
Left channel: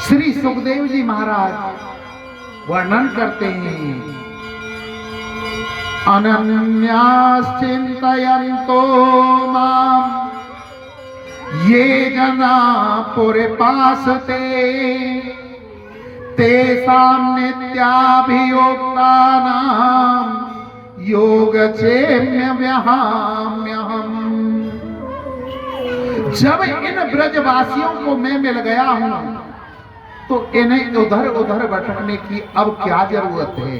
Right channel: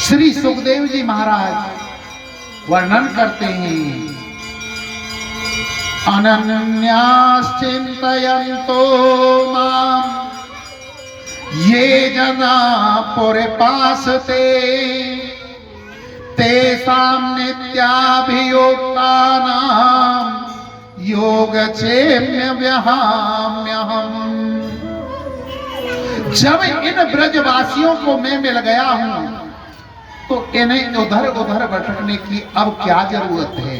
श्री सुखदेव जी महाराज वर्णन करते हैं, अनन्यास चिंतयन्तो माम ये जना पुरपासते तेषां नित्याभियोक्तानां योगक्षेम्य व्याहाम्यहम्। जब इन ब्रजवासियों को मैं मिल गया हूं तो इन्हें उधर उधर भटकने की अब क्या जरूरत है।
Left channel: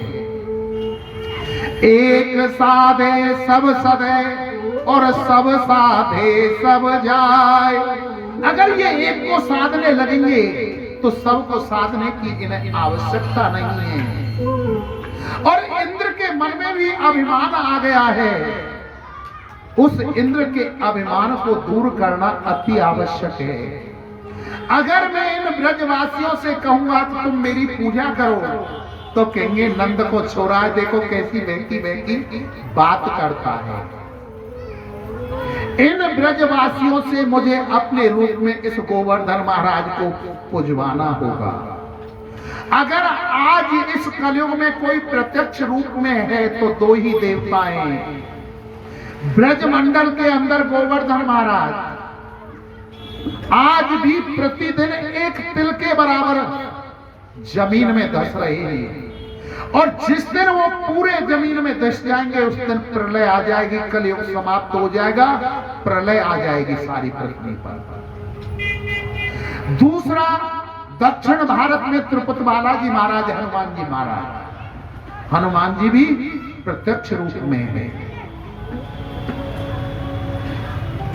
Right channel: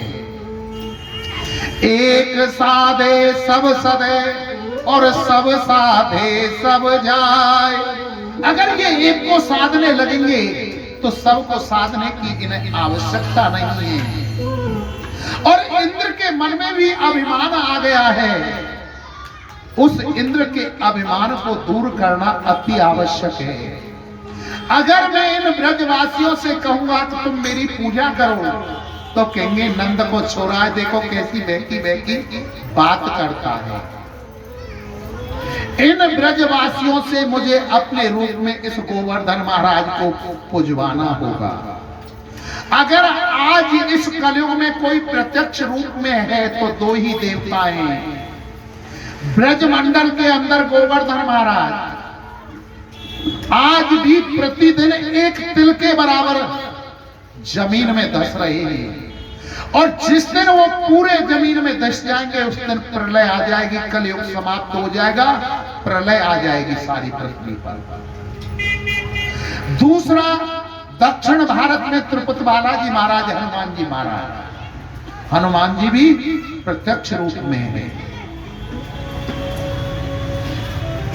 एक साधे सब सदे और सब साधे सब जाए। अगर ये एक को साधने लगेंगे तो सबको साधने की इन्हें आवश्यकता नहीं है। और इंद्र के मन में भी अभिमान आ गया है, उस इंद्र के अभिमान को दूर करना अति आवश्यक है। अगर मैं इन ब्रजवासियों से कहूंगा कि तुम मेरी पूजा करो तो कहेंगे नंद को छोड़ा है, देखो कैसी बेकी बात करता है। इन ब्रजवासियों से मुझे अपने रूप में इस गोवर्धन महाराज को पुजवाना होगा। अगर आज इस कलयुग में कोई प्रत्यक्ष रूप में है तो दो ही देवता हैं। ब्रजमंडल के अंदर गोवर्धन महाराज आज भी प्रतिदिन एक तिल के बराबर जमीन में धस रहे हैं। और जिस दिन वो पूरे जमीन में धस जाएंगे उस दिन प्रलय आ जाएगी, कलयुग समाप्त हो जाएगा, प्रलय आ जाएगी सारी पृथ्वी पर। दूसरा, दक्षिण भारत में तिरुपति बालाजी महाराज, हनुमान जी महाराज, हनुमान जी भी प्रत्यक्ष रूप में है।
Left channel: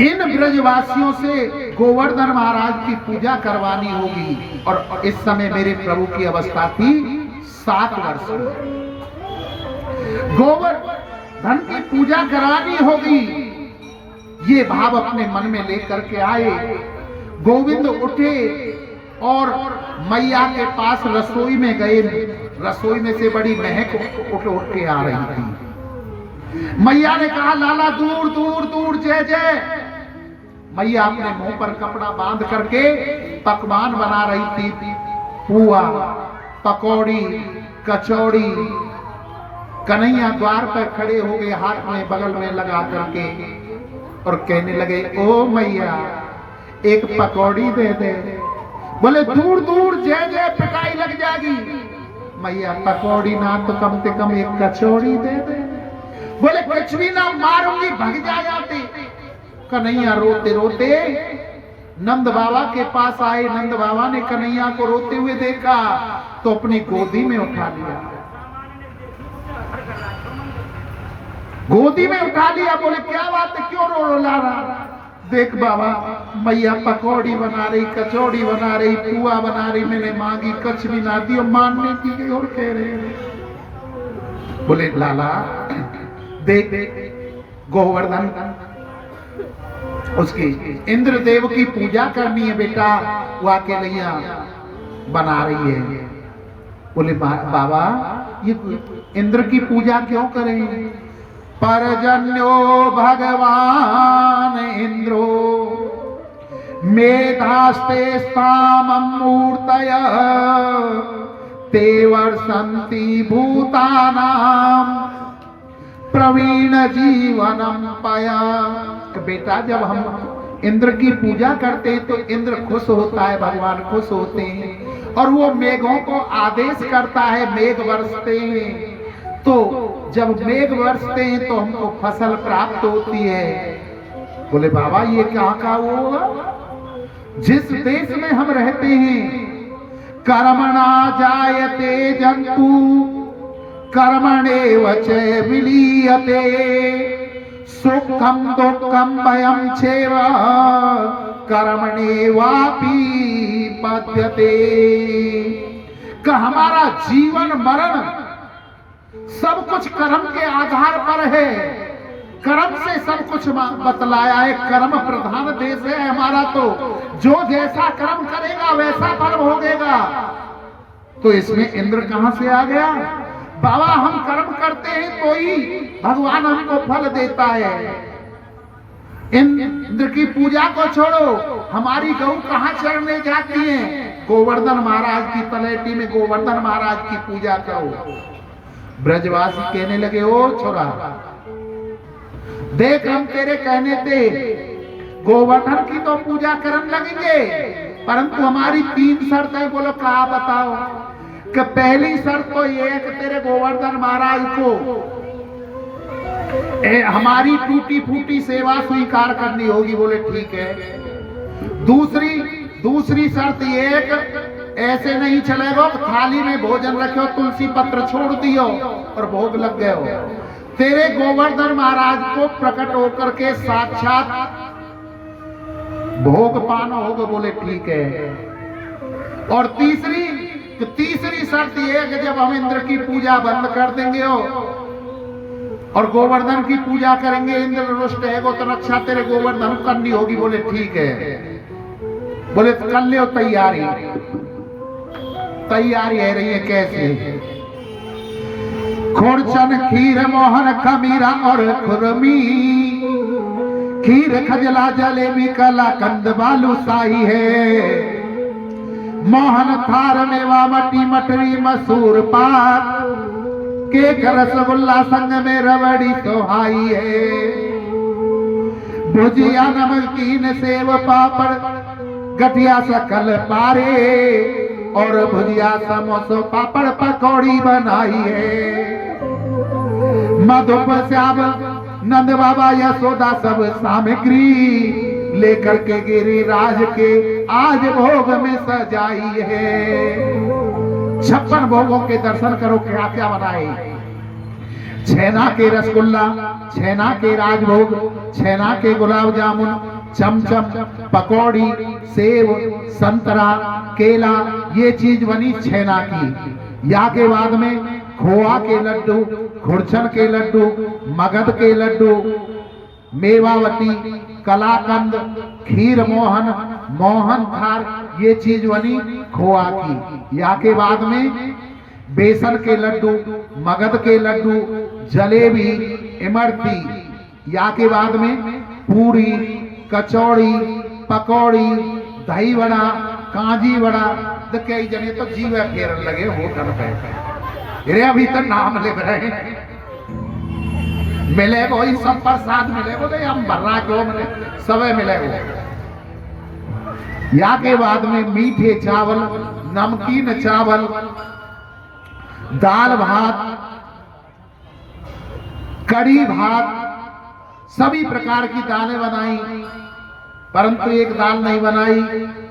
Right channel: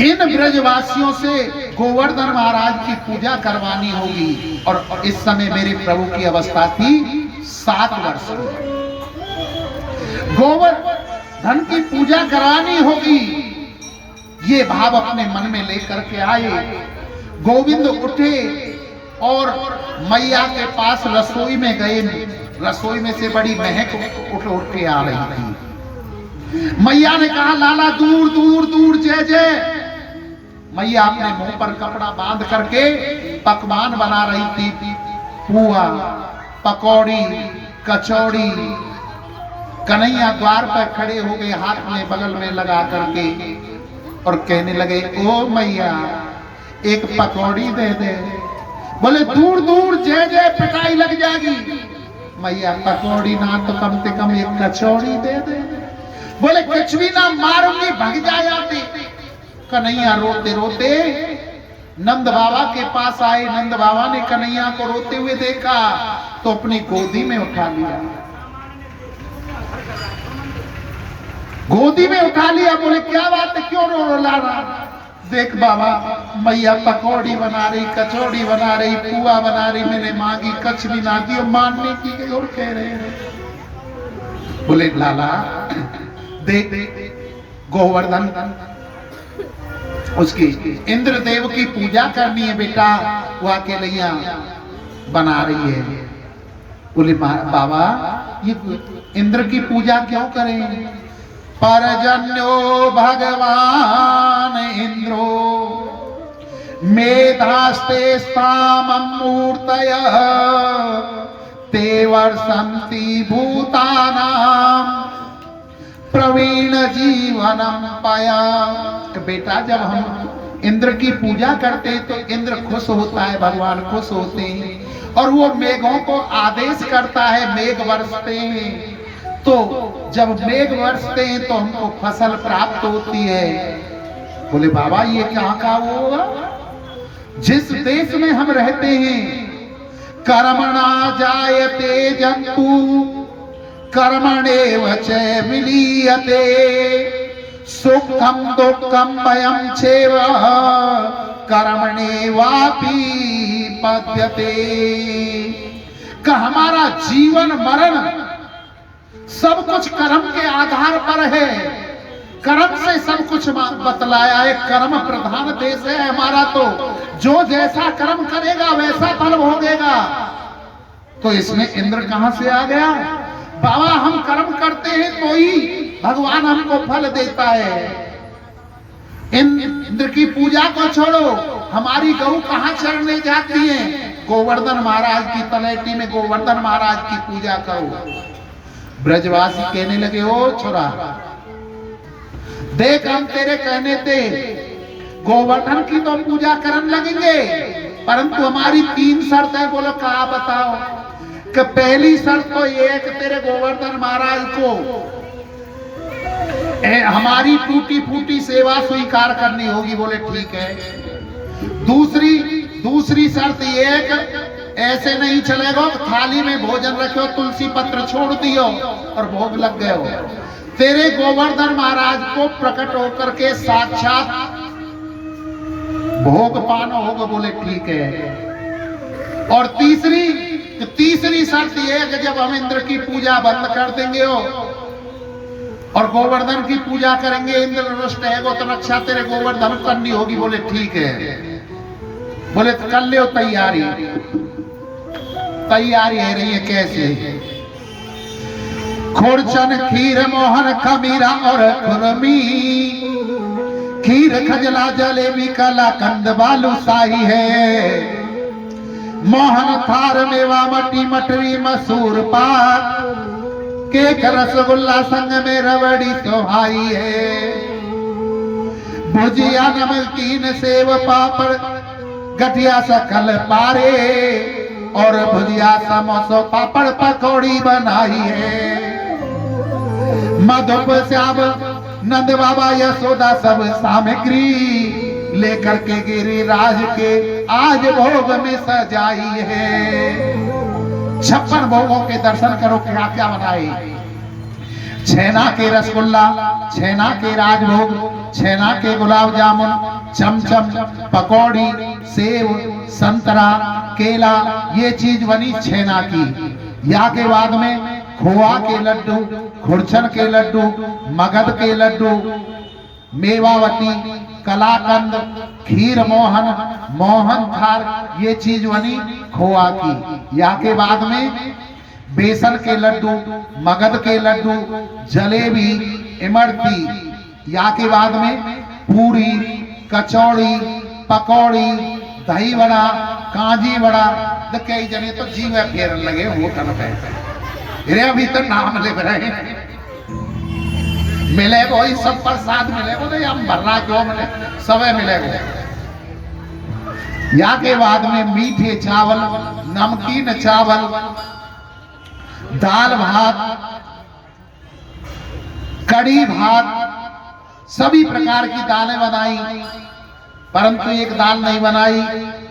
इन ब्रजवासियों से गोवर्धन महाराज की पूजा करवानी होगी। और इस समय मेरे प्रभु की अवस्था थी 7 वर्ष की। गोवर्धन की पूजा करानी होगी, ये भाव अपने मन में लेकर के आए। गोविंद उठे और मैया के पास रसोई में गए। रसोई में से बड़ी महक उठ के आ रही थी। मैया ने कहा लाला दूर दूर दूर जय जय। मैया अपने मुंह पर कपड़ा बांध करके पकवान बना रही थी, पुआ, पकौड़ी, कचौड़ी। कन्हैया द्वार पर खड़े हो गए, हाथ में बगल में लगा करके, और कहने लगे ओ मैया एक पकौड़ी दे दे। बोले दूर दूर जय जय पिटाई लग जाएगी। मैया पकौड़ी ना तो कम से कम एक कचौड़ी दे दे। बोले कुछ भी ना, मारूंगी, भग जाते। कन्हैया रोते रोते नंद बाबा के पास आए। नंद बाबा ने कन्हैया को रोते हुए देखा तो अपनी गोदी में उठा लिया। गोदी में उठा लिया। बोले क्या बात है, क्यों रो रहा? देख बाबा, मैया पकौड़ी बना रही, कचौड़ी बना रही, पुआ बना रही, मैंने मांगी, कछ भी ना दी, मानने की गई और कह रहे। बोले लाला देख गोवर्धन उसकी इंद्रदेव की पूजा करनी है बेटा, वो अकेले यहाँ बना रही है। बोले बाबा ये इंद्र की पूजा क्यों करें? परजन्यो भगवान इंद्रो मेधास्ते साममूर्तय ते वर्षन्ति भूतानां प्रवीण जीवनम पाया। बेटा जब हम इंद्र की पूजा करते हैं तो इंद्र खुश होता है, भगवान खुश होते हैं और वो मेघों को आदेश करता है, मेघ बरसते हैं। तो जब मेघ बरसते हैं तो हमको फसल प्राप्त होती है। बोले बाबा ये क्या का वो होगा? जिस देश में हम रहते हैं कर्मणा जायते जंतु कर्मणेव च विलीयते सुखम दुःखम भयं चैव कर्मणेवापि पद्यते। कि हमारा जीवन मरण सब कुछ कर्म के आधार पर है, कर्म से सब कुछ बतलाया है। कर्म प्रधान देश है हमारा, तो जो जैसा कर्म करेगा वैसा फल भोगेगा। तो इसमें इंद्र कहां से आ गया? बाबा हम कर्म करते हैं तो ही भगवान हमको फल देता है। इंद्र की पूजा को छोड़ो, हमारी गौ कहां चढ़ने जाती है? गोवर्धन महाराज की तलेटी में गोवर्धन महाराज की पूजा करो। ब्रजवासी कहने लगे ओ छोरा देख हम तेरे कहने थे गोवर्धन की तो पूजा करने लगेंगे, परंतु हमारी 3 शर्त है। बोलो क्या बताओ? कि पहली शर्त तो ये है कि तेरे गोवर्धन महाराज को हमारी टूटी फूटी सेवा स्वीकार करनी होगी। बोले ठीक है। दूसरी शर्त ये है कि ऐसे नहीं चलेगा, थाली में भोजन रखो, तुलसी पत्र छोड़ दियो और भोग लग गए हो। तेरे गोवर्धन महाराज को प्रकट होकर के साक्षात भोग पाना होगा। बोले ठीक है। और तीसरी शर्त ये है कि जब हम इंद्र की पूजा बंद कर देंगे हो और गोवर्धन की पूजा करेंगे, इंद्र रुष्ट है तो रक्षा तेरे गोवर्धन करनी होगी। बोले ठीक है। बोले तो कर लो तैयारी है रही है। कैसे? खुरचन खीर मोहन खमीरा और खुरमी, खीर खजला जलेबी कला कंद बालू शाही है। मोहन थार मेवा मटी मटरी मसूर पाक, केक रसगुल्ला संग में रबड़ी सोहाई है। भुजिया नमकीन सेव पापड़ गठिया सकल पारे और भुजिया समोसो पापड़ पकौड़ी बनाई है। मधुप श्याम नंद बाबा यशोदा सब सामग्री लेकर के गिरिराज के आज भोग में सजाई है। 56 भोगों के दर्शन करो। क्या क्या बनाए? छेना के रसगुल्ला, छेना के राजभोग, छेना के गुलाब जामुन, चमचम, पकौड़ी, सेव, संतरा, केला, ये चीज बनी छेना की। या के बाद में खोआ के लड्डू, खुरचन के लड्डू, मगध के लड्डू, मेवावती, कलाकंद, खीर मोहन, मोहन थार, ये चीज बनी खोआ की। या के बाद में बेसन के लड्डू, मगध के लड्डू, जलेबी, इमरती। या के बाद में पूरी, कचौड़ी, पकौड़ी, दही वड़ा, कांजी वड़ा। तो कई जने तो जीव फेर लगे होटल पे, अभी तक नाम लिख रहे मिले वो ही सब प्रसाद मिले वो तो हम भर्रा क्यों मिले समय मिलेगा। या के बाद में मीठे चावल, नमकीन चावल, दाल भात, कड़ी भात, सभी प्रकार की दालें बनाई, परंतु एक दाल नहीं बनाई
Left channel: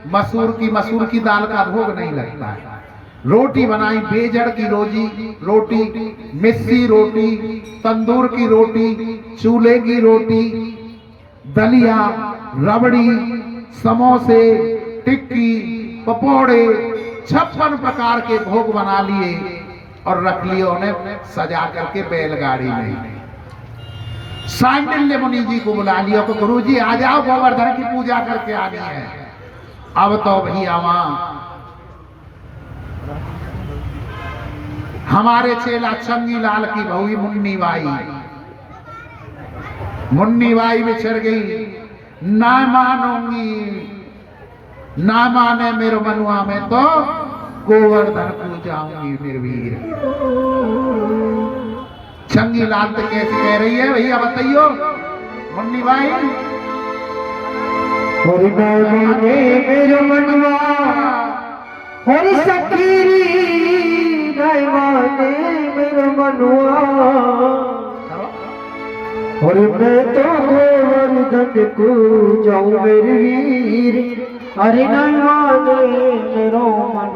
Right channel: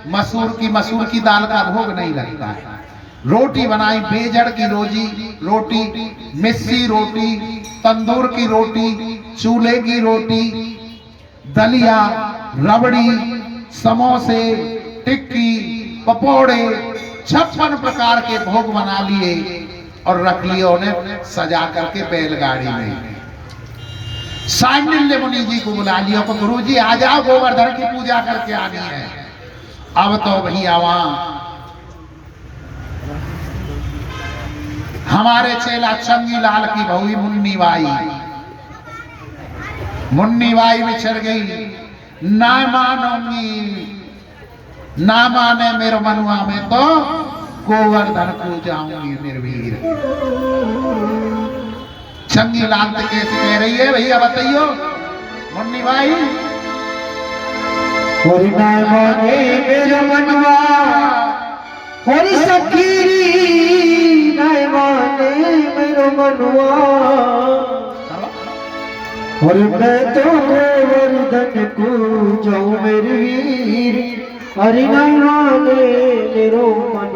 मसूर की दाल का भोग नहीं लगता है। रोटी बनाई, बेजड़ की रोटी, मिस्सी रोटी, तंदूर की रोटी, चूल्हे की रोटी, दलिया, रबड़ी, समोसे, टिक्की, पकोड़े, 56 प्रकार के भोग बना लिए। और रख लिया उन्हें सजा करके बैलगाड़ी में। सांडिल्य मुनि जी को बुला लिया कि गुरु जी आ जाओ, गोवर्धन की पूजा करके आनी है। अब तो भैया वहां हमारे चेला चंगी लाल की बहु मुन्नी बाई बिछड़ गई। ना मानूंगी, ना माने मेरे मनुआ में तो गोवर्धन को जाऊंगी मेरे वीर। चंगी लाल तो कैसे कह रही है भैया बताइयो मुन्नी बाई? होरी माने मेरो मनवा, होरी सखीरी नाय माने मेरो मनवा। होरी मैं तो गोवर्धन को जाऊं मेरे वीर, हरि नाय माने मेरो मनवा।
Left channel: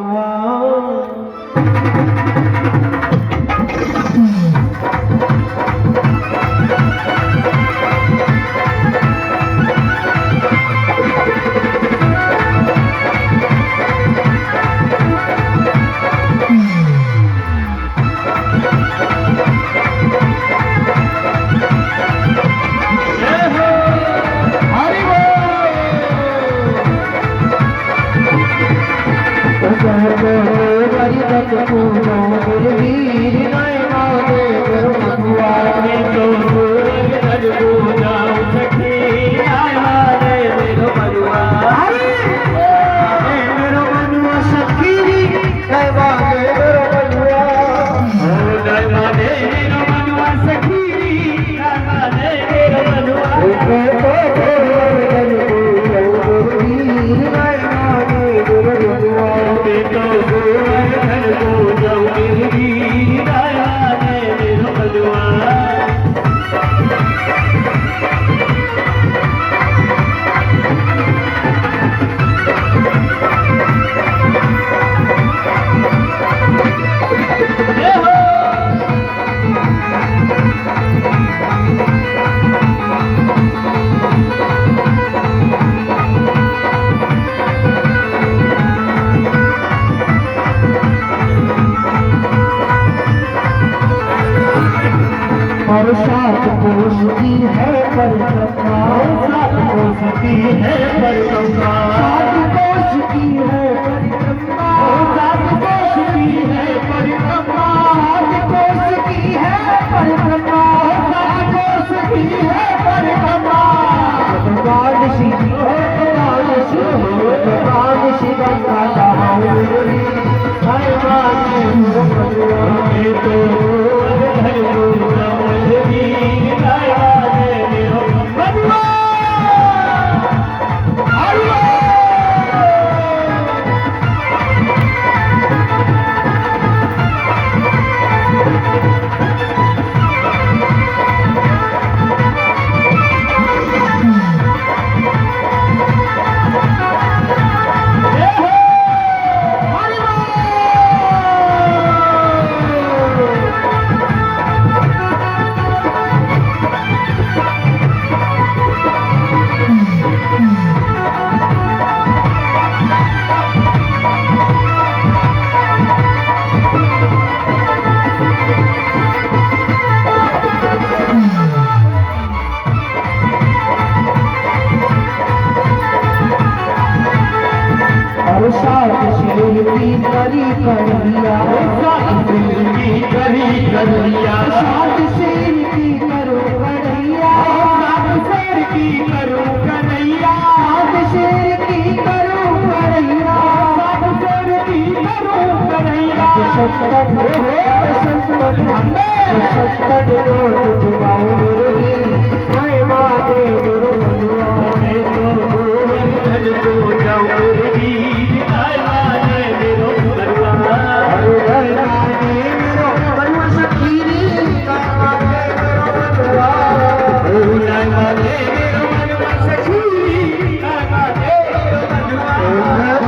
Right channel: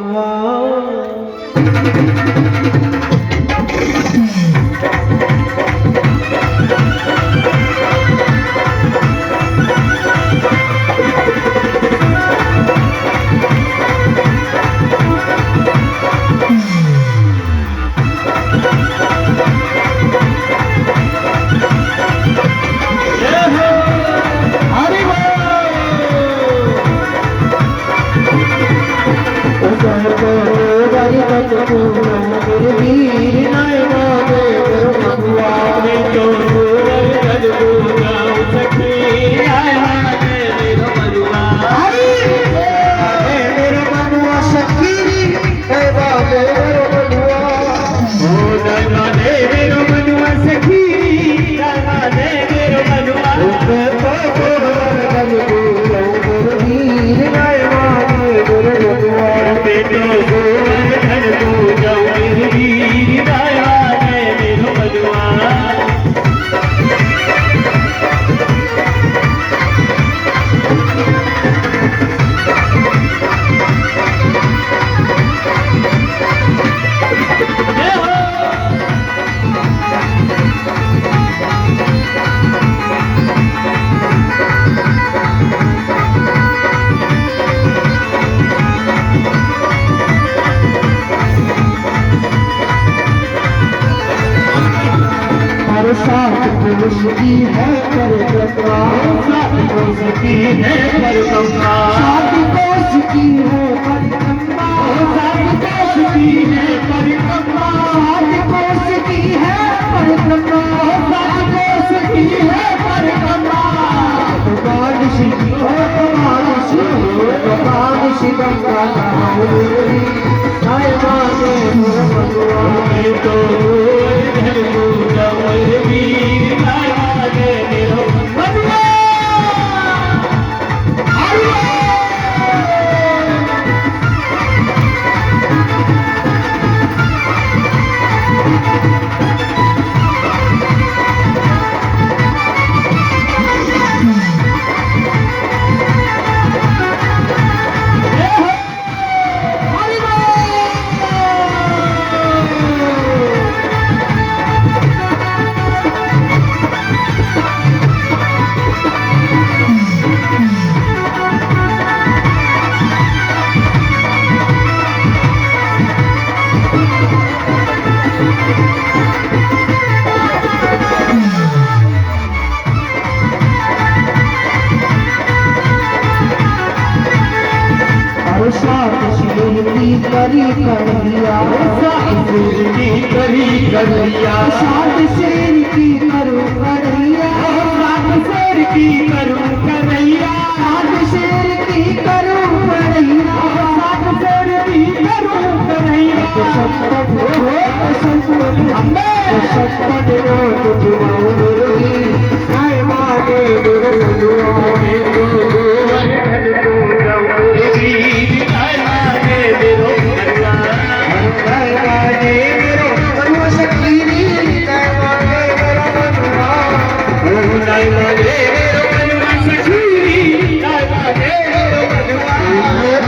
की है परिक्रमा, सात कोस की है परिक्रमा, सात कोस की है परिक्रमा, सात कोस की है परिक्रमा, सात कोस की है परिक्रमा, सात कोस की है परिक्रमा। भगवान श्री भगवान श्री भगवान श्री गंगा करिया सात शेर की करो कन्हैया, सात शेर की करो कन्हैया, सात शेर की करो कन्हैया, सात शेर की करो कन्हैया। सत्तर हो संतन हमें सत्तर हो तुझ बाऊ मेरी, जय माते गुरु